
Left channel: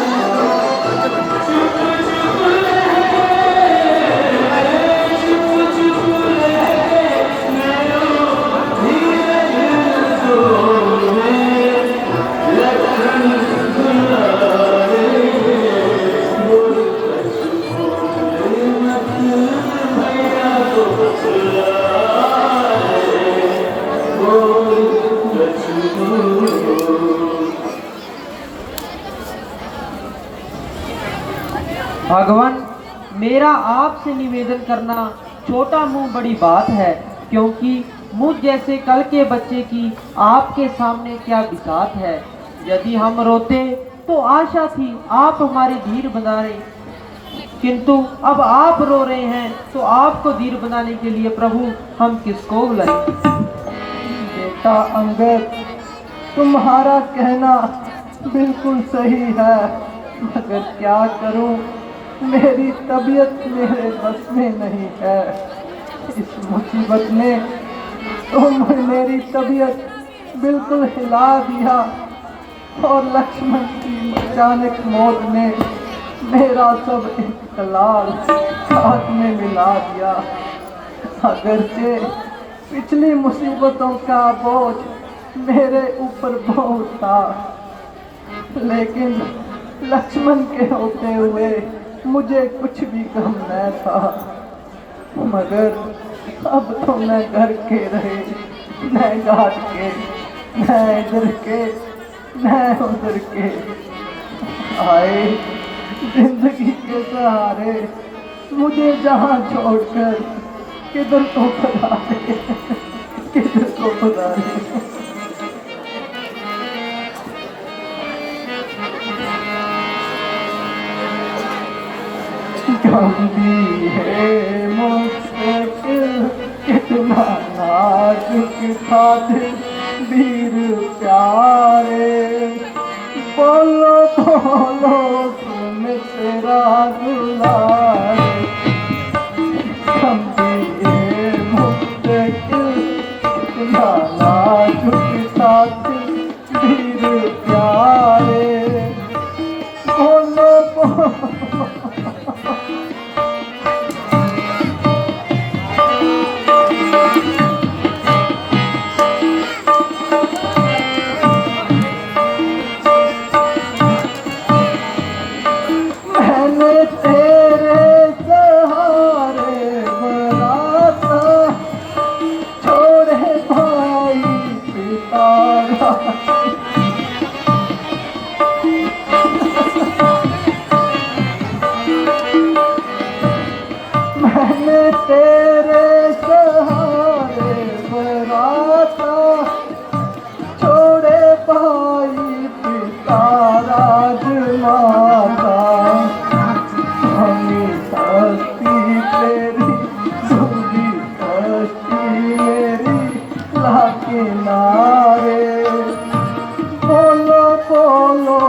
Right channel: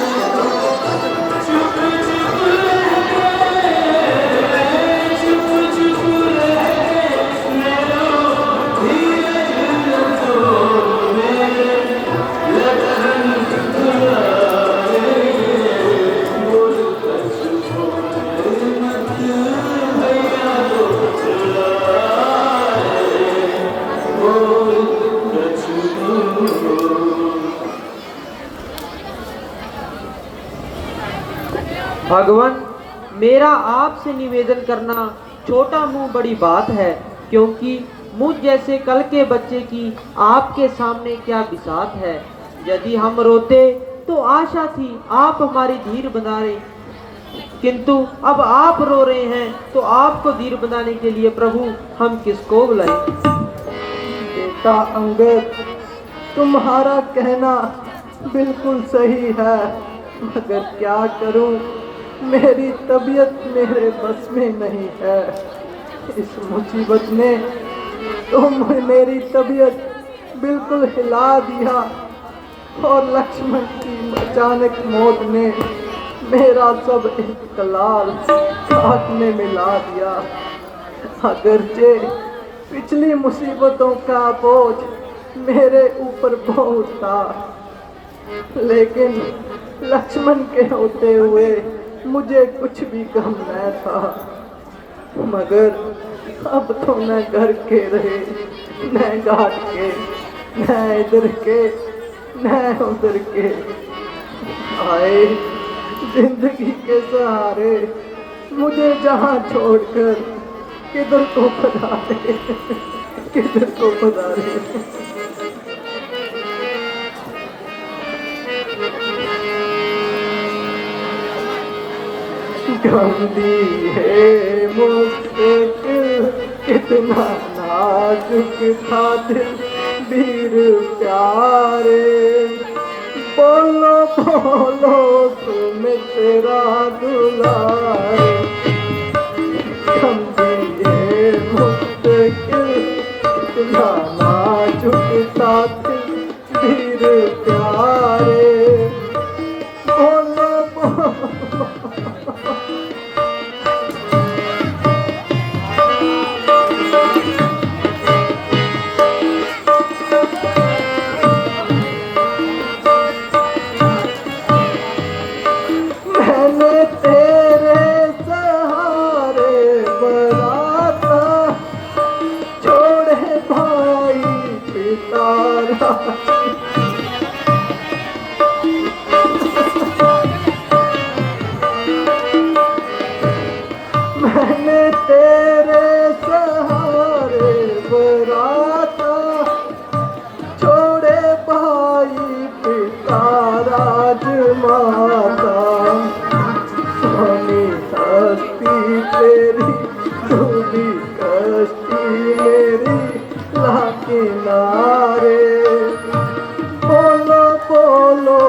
चुप चुप रहे मेरो धीरज तो मेरे लखन दुलारे बोल तुझको मत भैया तो दुलारे बोल तुझको भगवान, मेरा आपसे निवेदन करना छोटा मुंह बड़ी बात है, क्योंकि मुझ जैसे कल के बच्चे की आपके सामने क्या बिसात है। यदि हम रोते तो आशा थी आप हमारी धीर बनाए, किंतु अब आप रो रहे हैं तो आपको धीर बनाने के लिए प्रभु हम किसको बुलाएं? बेटा अंगद, तुम्हारा कहना बिल्कुल सही है, मगर क्या करूं, मेरी तबीयत मेरे बस में नहीं है। इस मुसीबत में तुम मेरी तबीयत बिल्कुल हिला दिया और लक्ष्मण की अचानक मौत ने मेरा सब इख्तलाल साथ में मिला दिया। अगरचे पिछली मुसीबतों का बोझ मेरे ऊपर बहुत था, लेकिन लक्ष्मण के होते हुए मुझे कुछ भी गम न था। मगर अब तो न घर के रहे, न घाट के, न इधर के, न उधर के, आए जिंदगी के सहारे मुझे जहाँ छोड़कर किधर को खुदाए, किधर को खुदाए। गंदी है मुश्किल कितना नाजुक था वीर प्यारे, बोलो बोलो तुम तेरा बुलाए। गंदी है मुश्किल कितना नाजुक था वीर प्यारे, बोलो बोलो तारा मैंने तेरे सहारे बराता छोड़े भाई पिता राजमाता धनी हस्ती तेरी डूबी कश्ती मेरी ला किनारे बोलो बोलो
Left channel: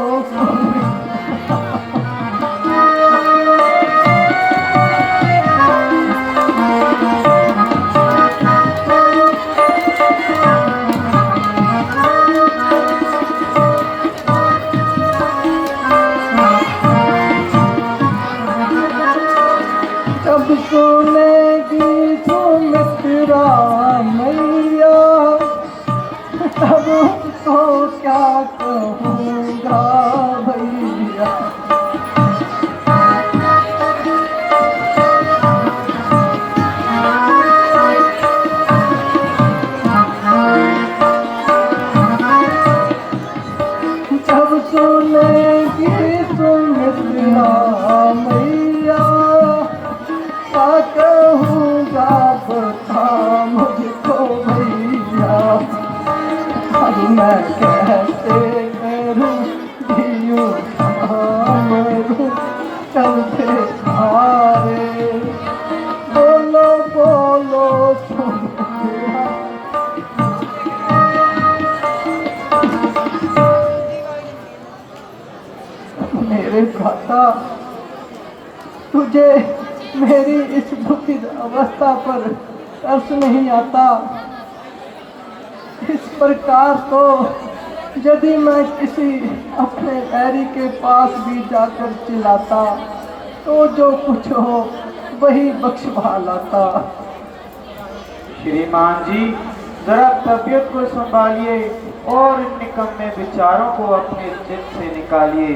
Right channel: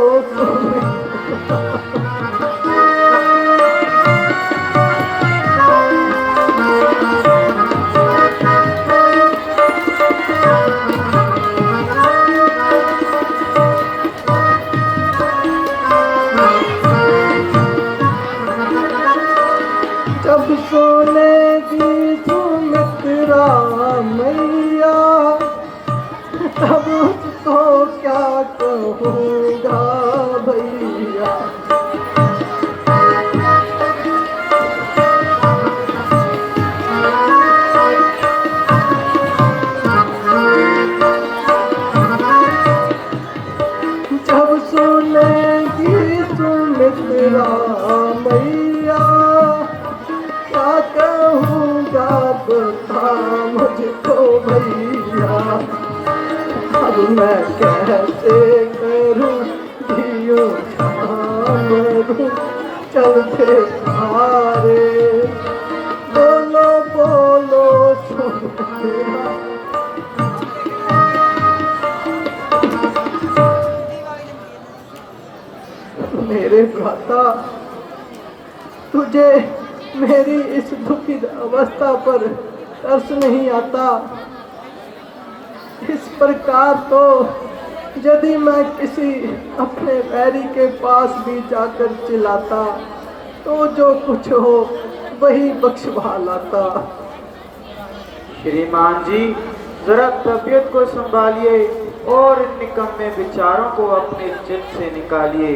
जब सुनेगी सुमित्रा मैया तब तो क्या कहूँगा भैया जब सुनेगी सुमित्रा मैया क्या कहूँगा बता मुझको भैया अब मैं कैसे करूँ दियो मरूँ चलते सारे बोलो बोलो सुमित्रा मेरे भ्राता तुझे मेरी इस दुखित अवस्था पर तरस नहीं आता इस प्रकार तो यदि मैं किसी अपने बैरी के पास भी जाकर चिल्लाता तो जो कुछ हो वही बख्शवा लाता श्रीमान जी, जरा तबीयत को संभालिए और इन निकम्मे विचारों को अपने चित्त से निकालिए।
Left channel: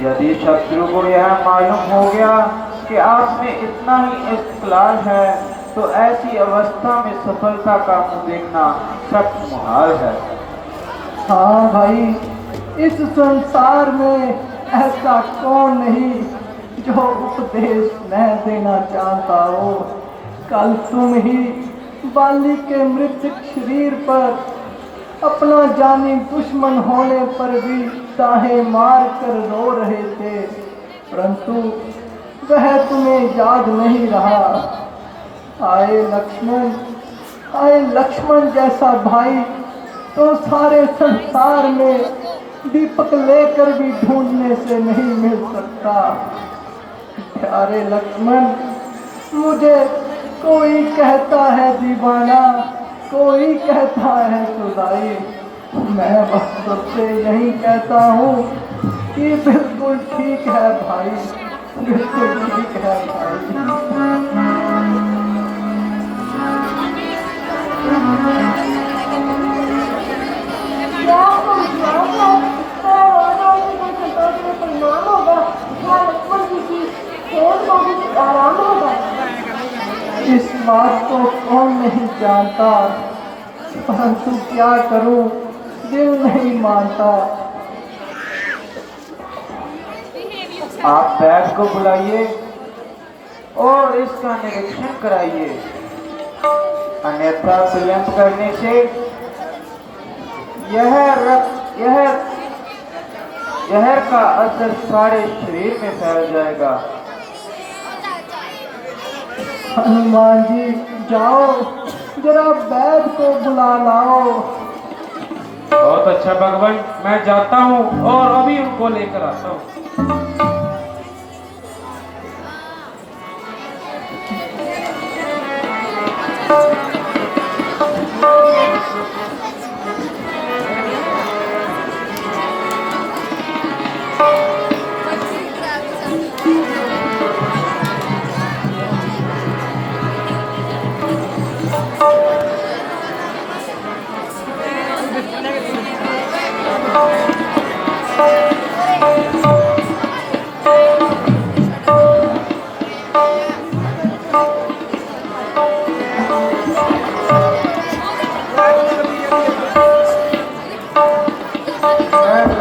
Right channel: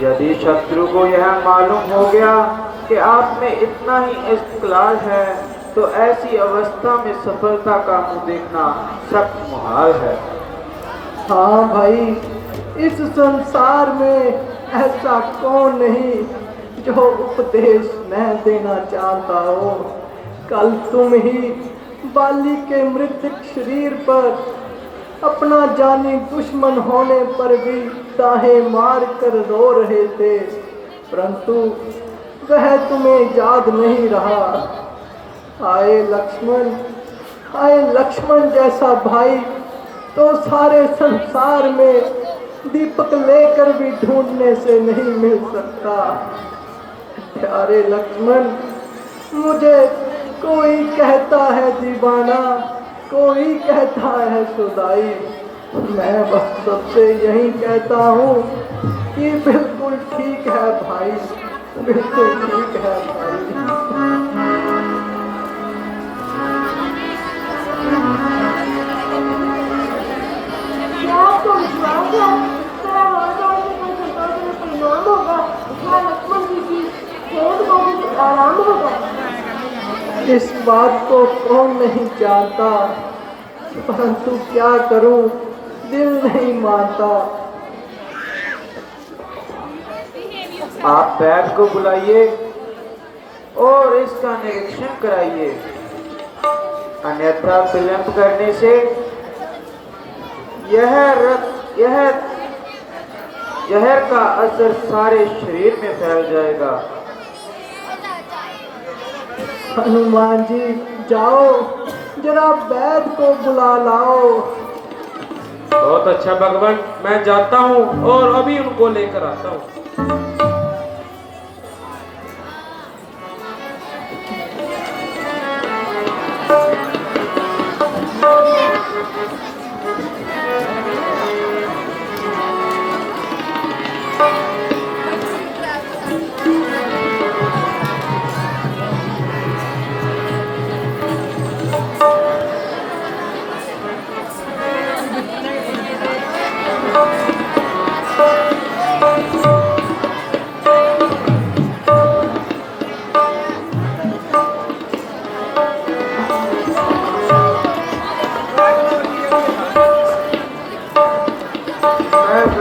यदि शत्रु को यह मालूम हो गया कि आप में इतना ही इख्तिलाल है तो ऐसी अवस्था में सफलता का मुंह देखना सख्त मुहाल है। हाँ भाई, इस संसार में ऐसा कौन नहीं जो उपदेश न देना चाहता हो। कल तुम ही बाली के मृतक शरीर पर अपना जानी दुश्मन होने पर भी दाहें मार कर रो रहे थे, परंतु वह तुम्हें याद नहीं रहा। आए लक्ष्मण जैसा भाई तो सारे संसार में दीपक लेकर भी ढूंढने से नहीं मिल सकता। प्यारे लक्ष्मण, मुझे कोई कहता है दीवाना, कोई कहता है सुदाई, मैं बस सबसे यही कहता हूँ कि बिल्कुल ठीक है भाई, बिल्कुल ठीक है भाई। इस बात को कौन नहीं जानता, परंतु क्या करूं, दिल नहीं मानता। आप बैग को बुलाइए और इसका निरीक्षण कराइए, अन्यथा विलंब करने से जहर का असर सारे शरीर में फैल जाएगा। हनुमान जी, जाओ जरा वैद को बुला लाओ। बहुत अच्छा भगवान, मैं जाता हूँ और अभी उनको लेकर आता हूँ।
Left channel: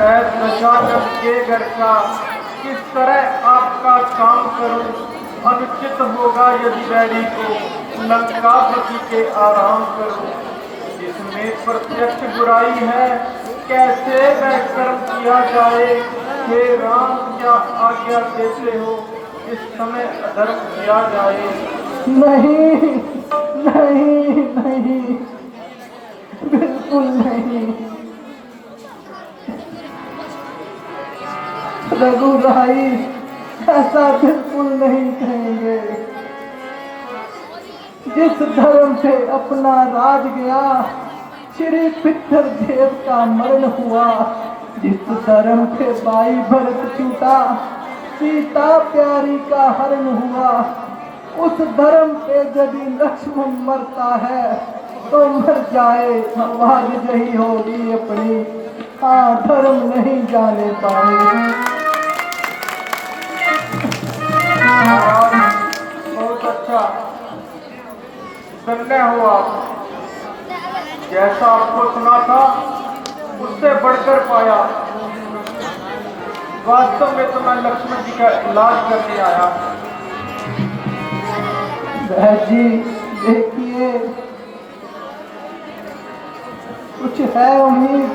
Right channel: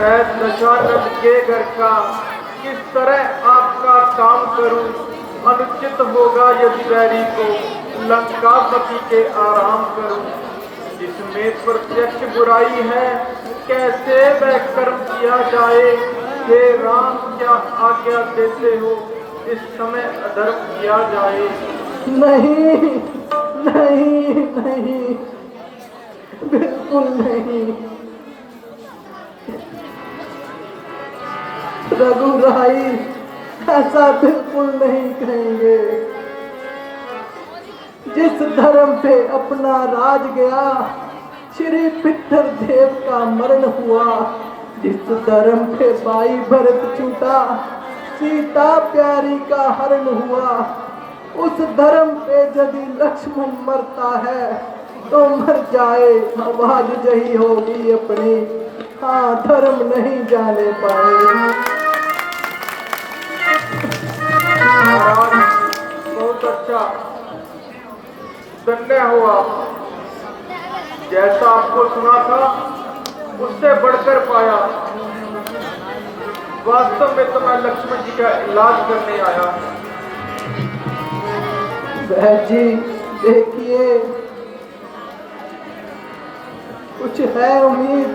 मैं दशरथ के घर का किस तरह आपका काम करूं? अनुचित होगा यदि बैरी को लंकापति के आराम करूं। जिसमें प्रत्यक्ष बुराई है कैसे वह कर्म किया जाए? हे राम क्या आज्ञा देते हो इस समय अधर्म किया जाए? नहीं नहीं नहीं, बिल्कुल नहीं। रघुराई ऐसा बिल्कुल नहीं कहेंगे। जिस धर्म पे अपना राज गया, श्री पितर देव का मरण हुआ। जिस धर्म पे भाई भरत छूटा, सीता प्यारी का हरण हुआ। उस धर्म पे यदि लक्ष्मण मरता है तो मर जाए, आवाज जही होगी अपनी। हाँ, धर्म नहीं जाने पाए। बहुत अच्छा, धन्य हुआ। जैसा आपको सुना था उससे बढ़कर पाया। वास्तव में तो मैं लक्ष्मण जी का इलाज करने आया। बहन जी देखिए, कुछ है उम्मीद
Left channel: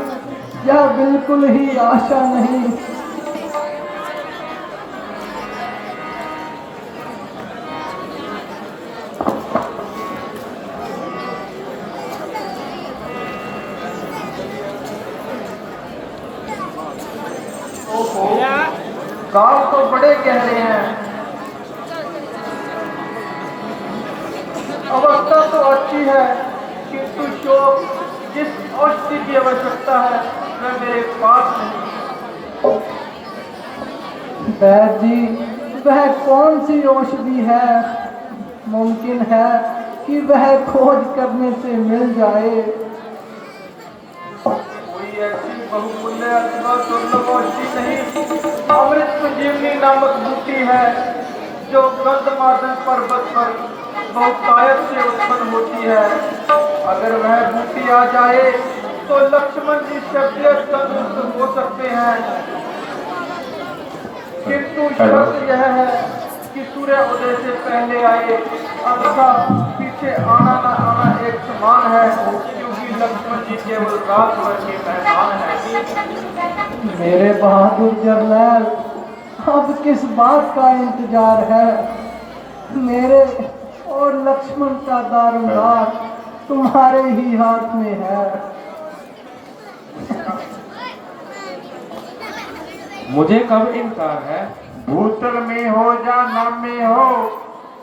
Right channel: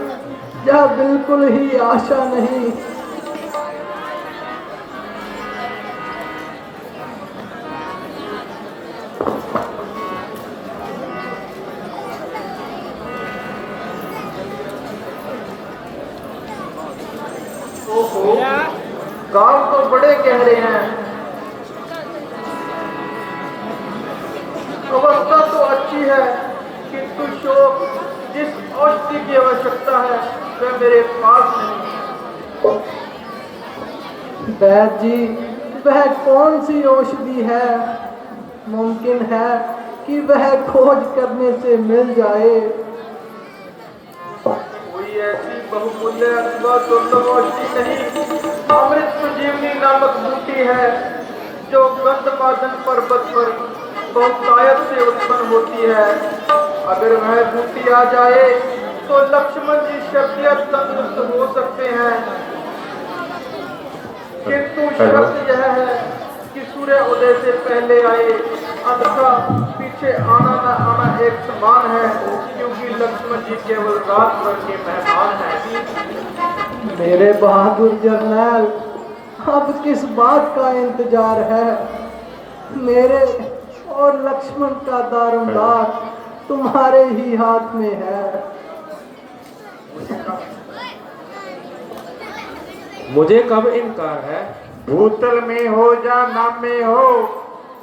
या बिल्कुल ही आशा नहीं? गांव तो बड़े गहरे हैं, अवस्था तो अच्छी है, किंतु शोक जिस औषधि की आवश्यकता है वह मेरे पास नहीं। वैद्य जी, वह कौन सी औषधि है? मुमकिन है कि वह खोज करने से मिल जाए। कोई ऐसी बहुमूल्य अथवा दुर्लभ औषधि नहीं। अमृत संजीवनी नामक बूटी है जो गंधमादन पर्वत पर बहुतायत से उत्पन्न होती है। अगर वह बूटी आ जाए तो लक्ष्मण जी शक्तियां तंदुरुस्त हो सकते हैं। किंतु शर्त यह है कि सूर्य उदय से पहले आए, अन्यथा पीछे आना न आना एक समान है, क्योंकि लक्ष्मण जी के मुलाकात के मेहमान हैं। मेरे बहादुर जरनैल, अब किस बात का इंतजार है? मेरे और लक्ष्मण का दारोमदार तुम्हारे ही हाथ में है। मुझे कब इनकार है? भूतल में हो जा नाम में हो,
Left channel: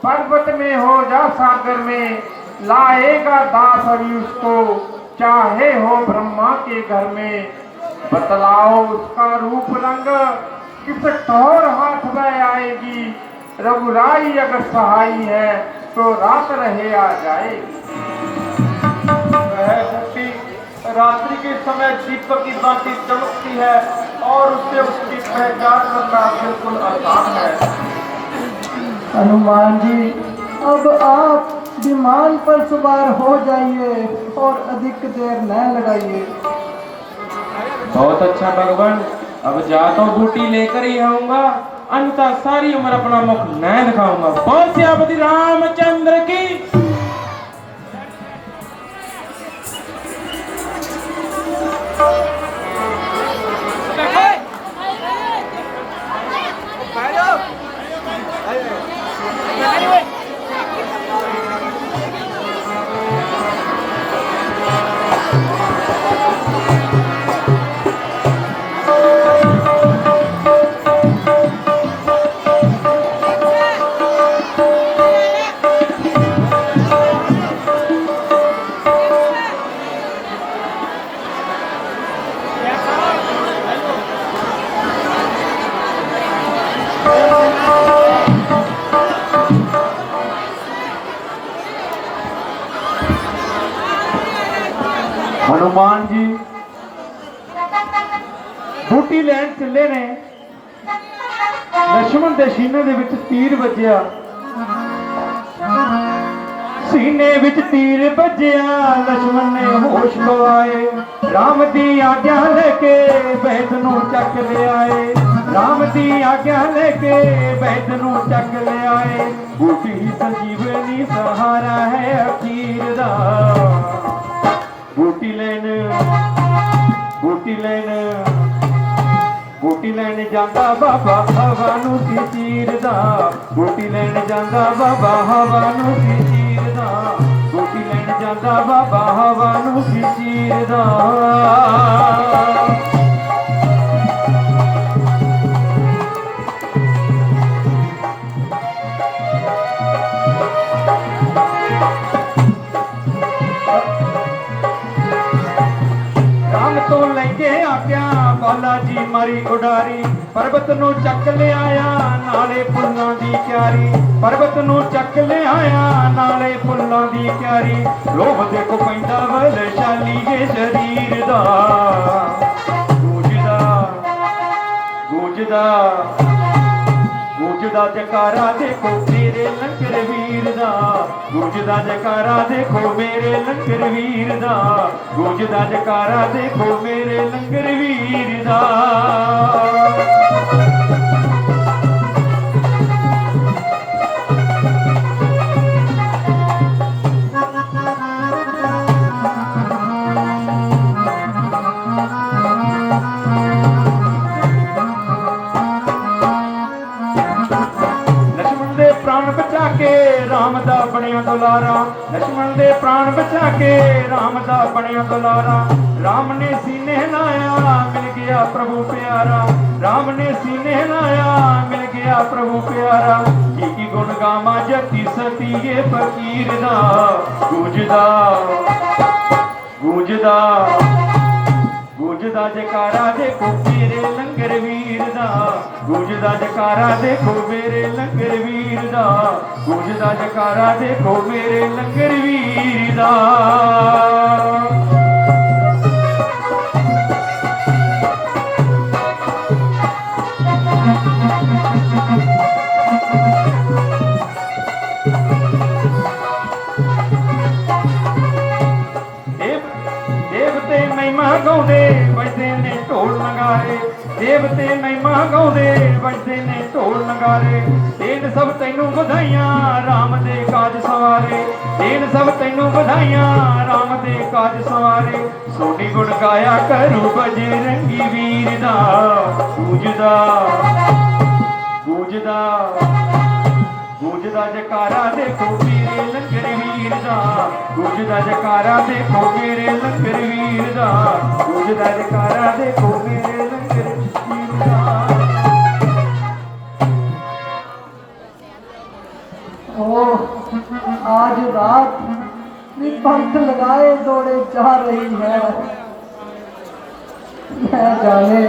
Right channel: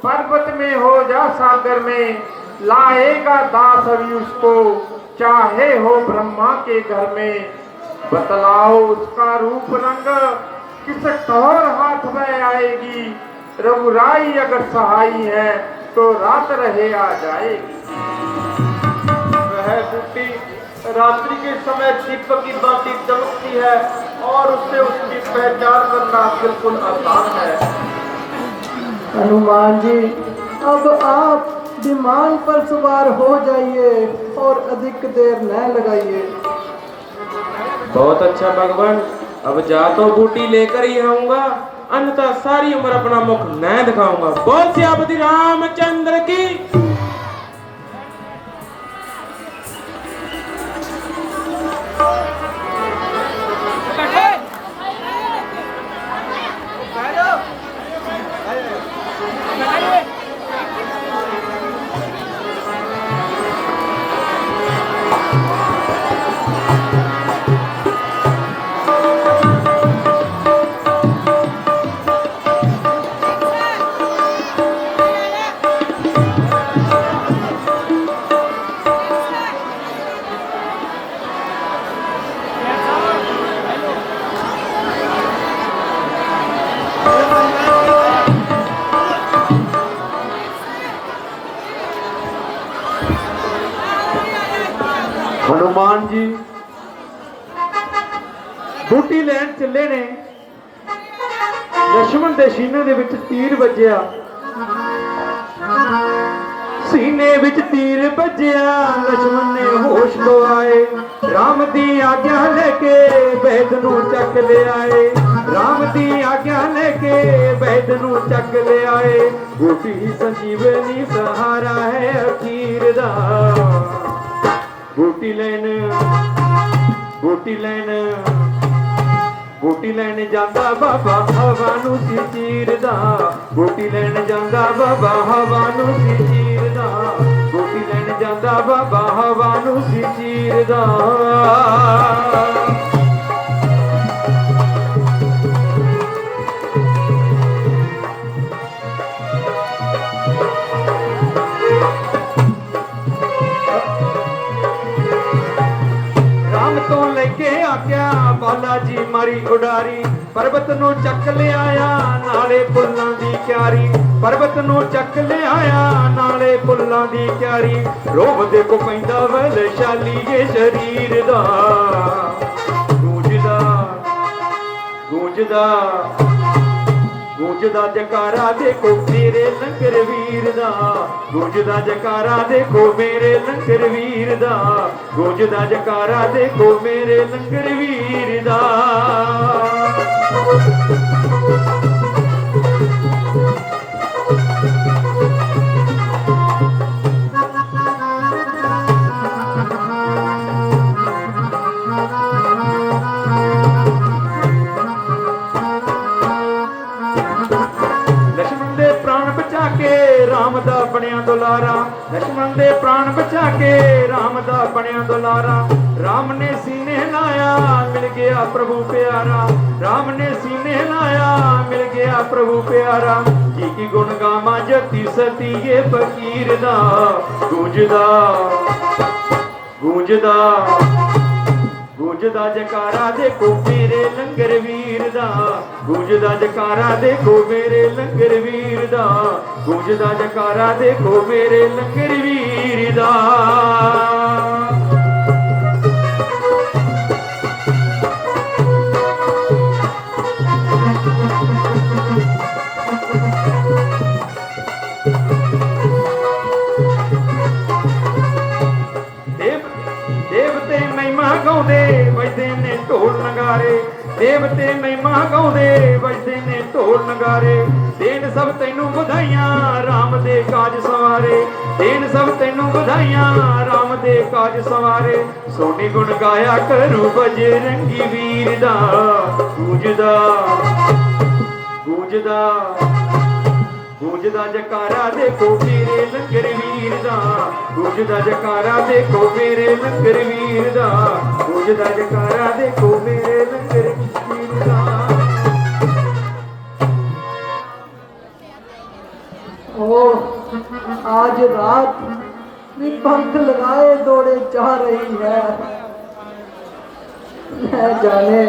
पर्वत में हो जा सागर में, लाएगा दास अभी उसको, चाहे हो ब्रह्मा के घर में। बतलाओ उसका रूप रंग, किस ठोर हाथ में आएगी। रघुराई अगर सहाई है तो रात रहे आ जाएगी। वह बूटी रात्रि के समय दीपक की बाती चमकती है और उससे उसकी पहचान करना बिल्कुल आसान है। हनुमान जी, अब आप विमान पर सवार हो जाइए और अधिक देर न लगाइए। बहुत अच्छा भगवान, अब जा तो बूटी लेकर ही आऊंगा, अन्यथा सारी उम्र अपना मुख न दिखाऊंगा। बोल सियापति रामचंद्र की। हनुमान जी बूटी लैन चले ने। लक्ष्मण ਦੇ ਸੀਨੇ ਦੇ ਵਿੱਚ ਤੀਰ ਵੱਜਿਆ, ਸੀਨੇ ਵਿੱਚ ਤੀਰ ਵੱਜਿਆ। लक्ष्मण ने होश गवाए, राम दी आज्ञा लेके वैद नू चक ले आए, राम दी आज्ञा लेके वैद नू चक ले आए। बूटी संजीवनी सहारा है अखीर दा, बूटी लैन बूटी लैन बूटी लैन जांदा बाबा हवा नू सी चीरदा, बूटी लैन जांदा बाबा हवा नू सी चीरदा, बूटी लैन जांदा बाबा हवा नू सी चीरदा। मारी उडारी पर्वत नू चक ले आया नाले फुल्लां दी क्यारी, पर्वत नू चक ले आया नाले फुल्लां दी क्यारी। रोब देखो पैंदा वैशाली जे शरीर दा, गूंजदा गूंजदा गूंजदा जकारा देखो मेरे लंगर वीर दा, गूंजदा जकारा देखो मेरे लंगर वीर दा, गूंजदा जकारा देखो मेरे लंगर वीर दा। लक्ष्मण दे प्राण बचा के राम दा बनिया दुलारा, लक्ष्मण दे प्राण बचा के राम दा बनिया दुलारा। राम ने सीने लाया मिल गया प्रभु प्यारा, राम ने सीने लाया मिल गया प्रभु प्यारा। की गुण गामा जति सती ये फकीर दा, गूंजदा गूंजदा गूंजदा जकारा देखो मेरे लंगर वीर दा, गूंजदा जकारा देखो मेरे लंगर वीर दा, गूंजदा जकारा देखो मेरे लंगर वीर दा। देवते महिमा गाउंदे बजदे ने ढोल नगारे, देवते महिमा गाउंदे बजदे ने ढोल नगारे। देन सब तैनू बधाइयां राम दे काज सवारे, देन सब तैनू बधाइयां राम दे काज सवारे। सोनी गुण गाया करू बजरंगी वीर दा, गूंजदा गूंजदा गूंजदा जकारा देखो मेरे लंगर वीर दा, गूंजदा जकारा देखो मेरे लंगर वीर दा, गूंजदा जकारा देखो मेरे लंगर वीर दा। ओह, आज रात पंख लगाए दौड़े जा रही है, न जाने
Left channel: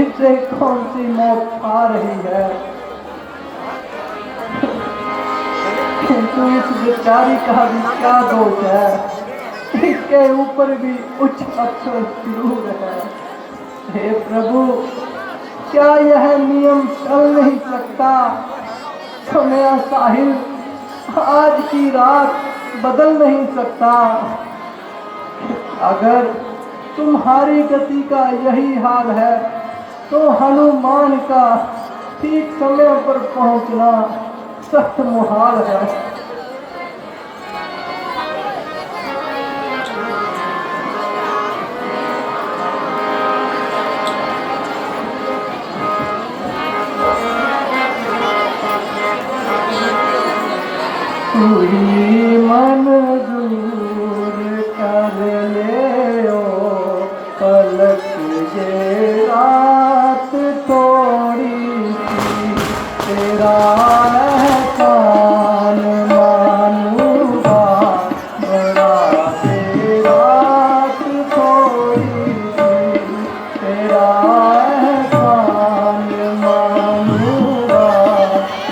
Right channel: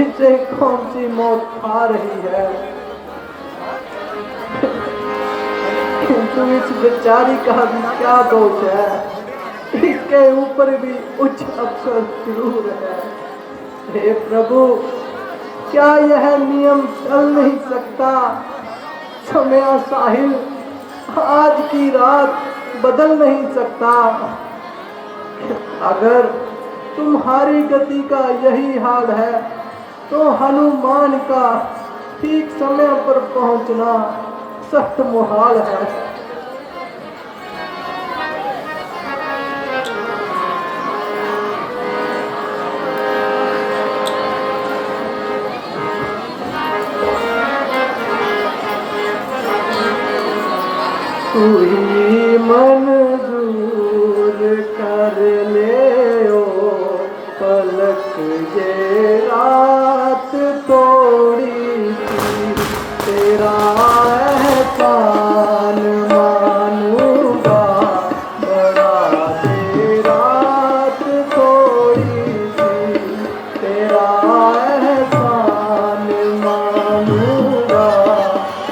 इसे कौन सी मौत आ रही है। किंतु इस बेचारी का भी क्या दोष है, इसके ऊपर भी उच्च अक्षर जरूर है। हे प्रभु, क्या यह नियम चल नहीं सकता? सुनया साहिब, आज की रात बदल नहीं सकता। अगर तुम्हारी गति का यही हाल है तो हनुमान का ठीक समय पर पहुंचना सख्त मुहाल है। तू ही मंजूर कर ले ओ पलक ये रात थोड़ी सी, तेरा एहसान मानूंगा बड़ा, तेरा रात थोड़ी सी, तेरा एहसान मानूंगा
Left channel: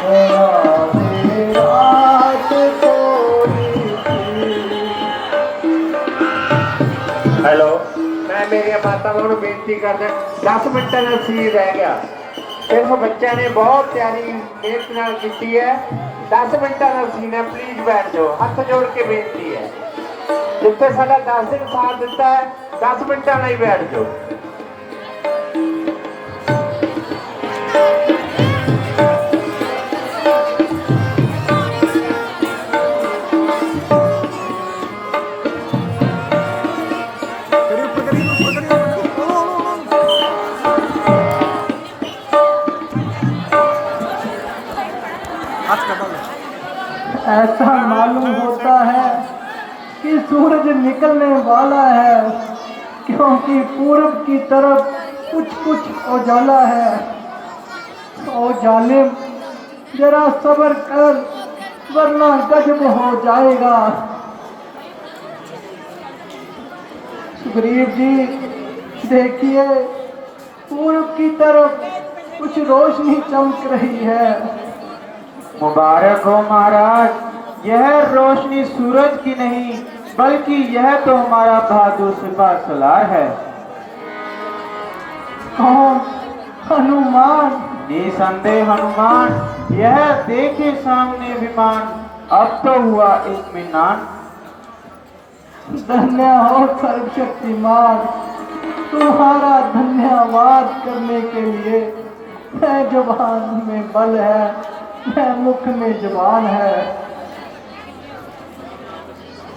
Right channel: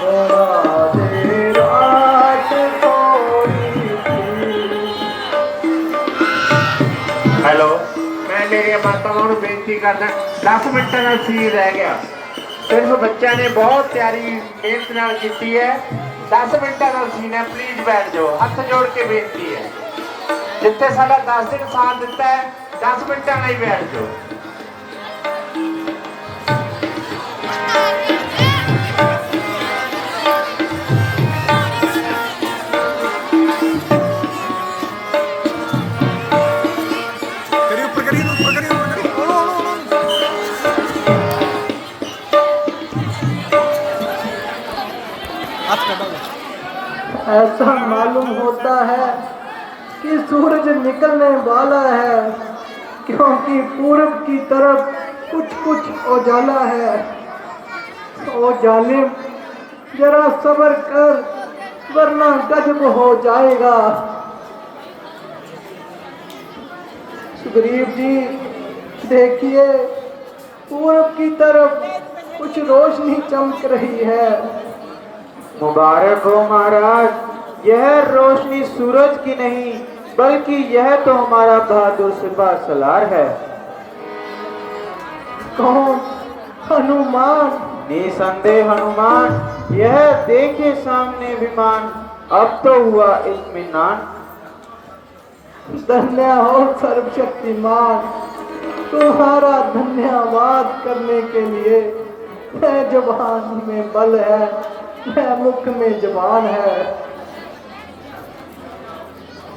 बड़ा, तेरा रात थोड़ी सी। हेलो, मैं मेरी मातावां नूं बेनती करदा 10 मिनटां ਦਾ ਸੀਨ ਰਹਿ ਗਿਆ। सिर्फ बच्चा ने बहुत प्यारी मेहनत नाल कीती है। 10 मिनटां ਦਾ सीन है, प्लीज बैठ जाओ। हथ जोड़ के बेनती है, जिथे साडा 10 दिन साथ दिता है 10 मिनटां लई बैठ जाओ। ऐसा मालूम होता है कि सूरज निकलने वाला है, क्योंकि पूरब की तरफ कुछ कुछ उजाला है। ओ जालिम, जरा सब्र कर, वरना गजब हो जाएगा। सुग्रीव जी, देखिए पूरब की तरफ कुछ रोशनी चमक रही है। मुबारक हो महाराज, यह रोशनी सूरज की नहीं बल्कि यह तो हमारा बहादुर सिपा सलार है। कौन? हनुमान? निसंदेह हनुमान, यह देखे सामने विमान, अब तो हुआ इत्मीनान। धन्य हो सर्वशक्तिमान, तुम्हारा धन्यवाद करने के लिए। मैं जुबान में बल है, मैं मुख में जुबान है।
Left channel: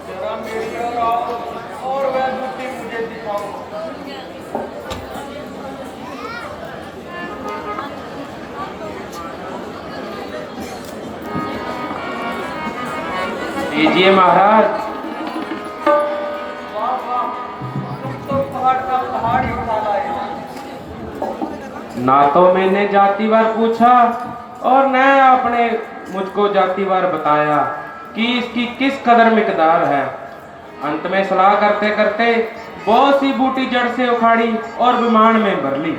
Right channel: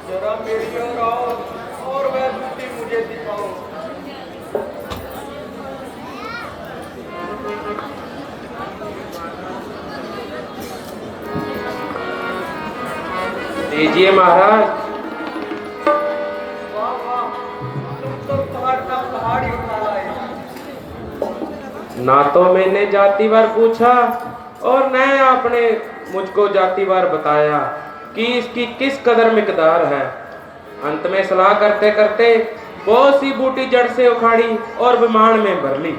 जरा मेरी ओर आओ और मैं ड्यूटी मुझे दिखाओ। लीजिए महाराज। ना तो मैंने जातिवार पूछा और न आपने मुझको जातिवार बताया कि इसकी किस कदर मिकदार है। अंत में सलाह करते करते बहुत सी बूटी जड़ से उखाड़ी और विमान में भर ली।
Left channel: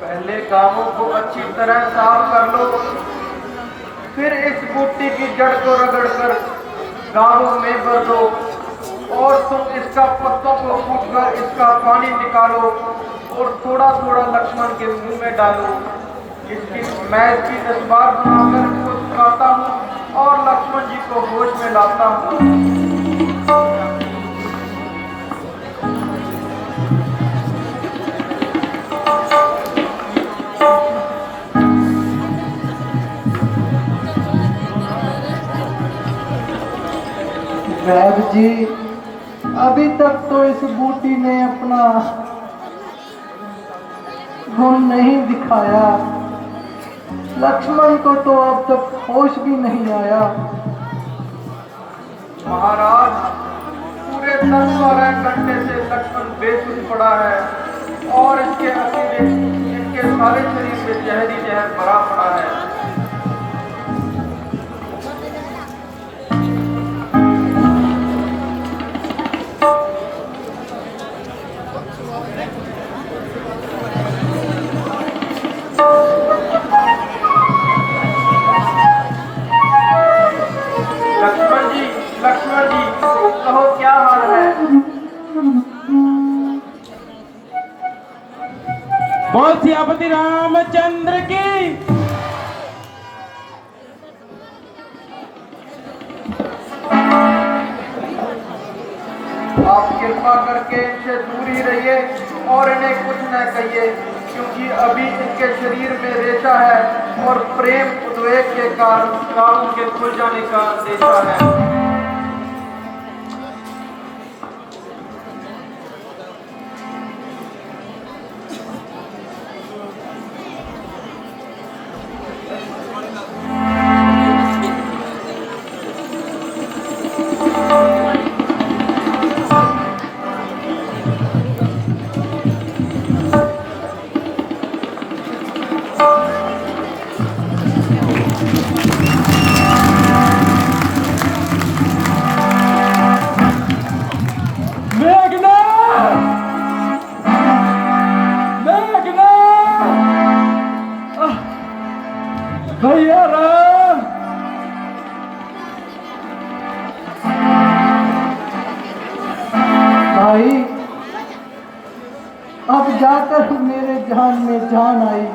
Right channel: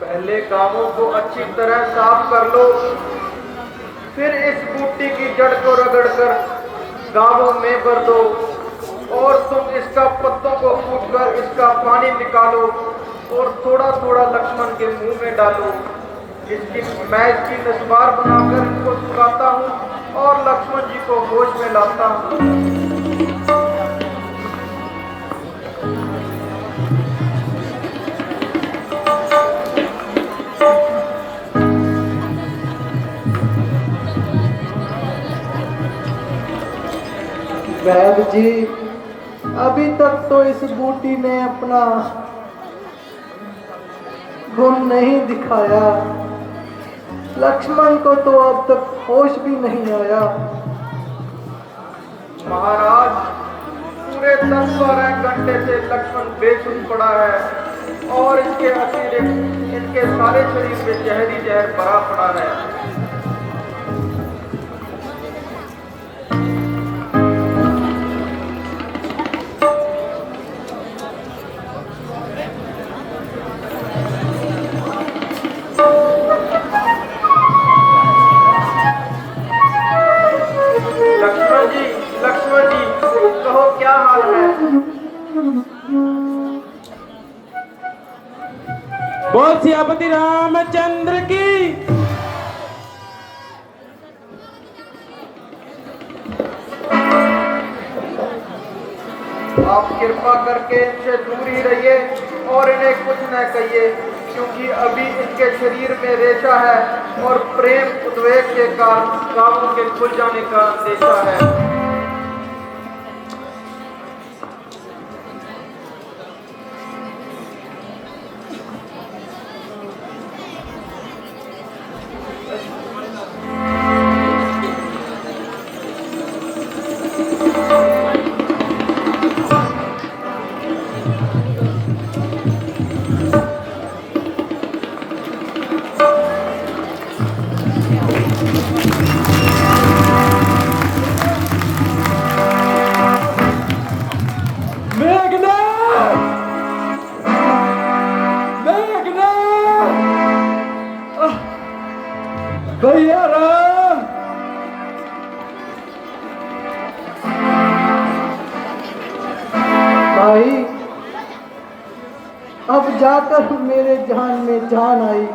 पहले गांवों को अच्छी तरह साफ कर लो, फिर इस बूटी की जड़ को रगड़कर गांवों में भर दो और तुम इसका पत्तों को फूटकर इसका पानी निकालो और थोड़ा थोड़ा लक्ष्मण के मुंह में डालो। मैं इसकी तस्वीर बनाकर उसको सुनाता हूँ और लक्ष्मण जी को होश में लाता हूँ। वैद जी, अभी तक तो इस बूटी ने अपना गुण नहीं दिखाया। लक्ष्मण को तो अब तक होश भी नहीं आया। महाराज, पूरे 10-12 घंटे से लक्ष्मण बेसुध पड़ा है और इसके अतिरिक्त इनके सारे शरीर में जहरी जहर भरा पड़ा है। लक्ष्मण जी, कहो क्या हाल है? बोल सियापति रामचंद्र की। आप कृपा करके इनसे दूर ही रहिए और इन्हें कुछ न कहिए, क्योंकि अभी इनके शरीर में रेशा है और प्रेम उद्वेग के कारण कामों के खुल जाने का अंदेशा है। भाई, अब जाकर मेरे जान में जान आई।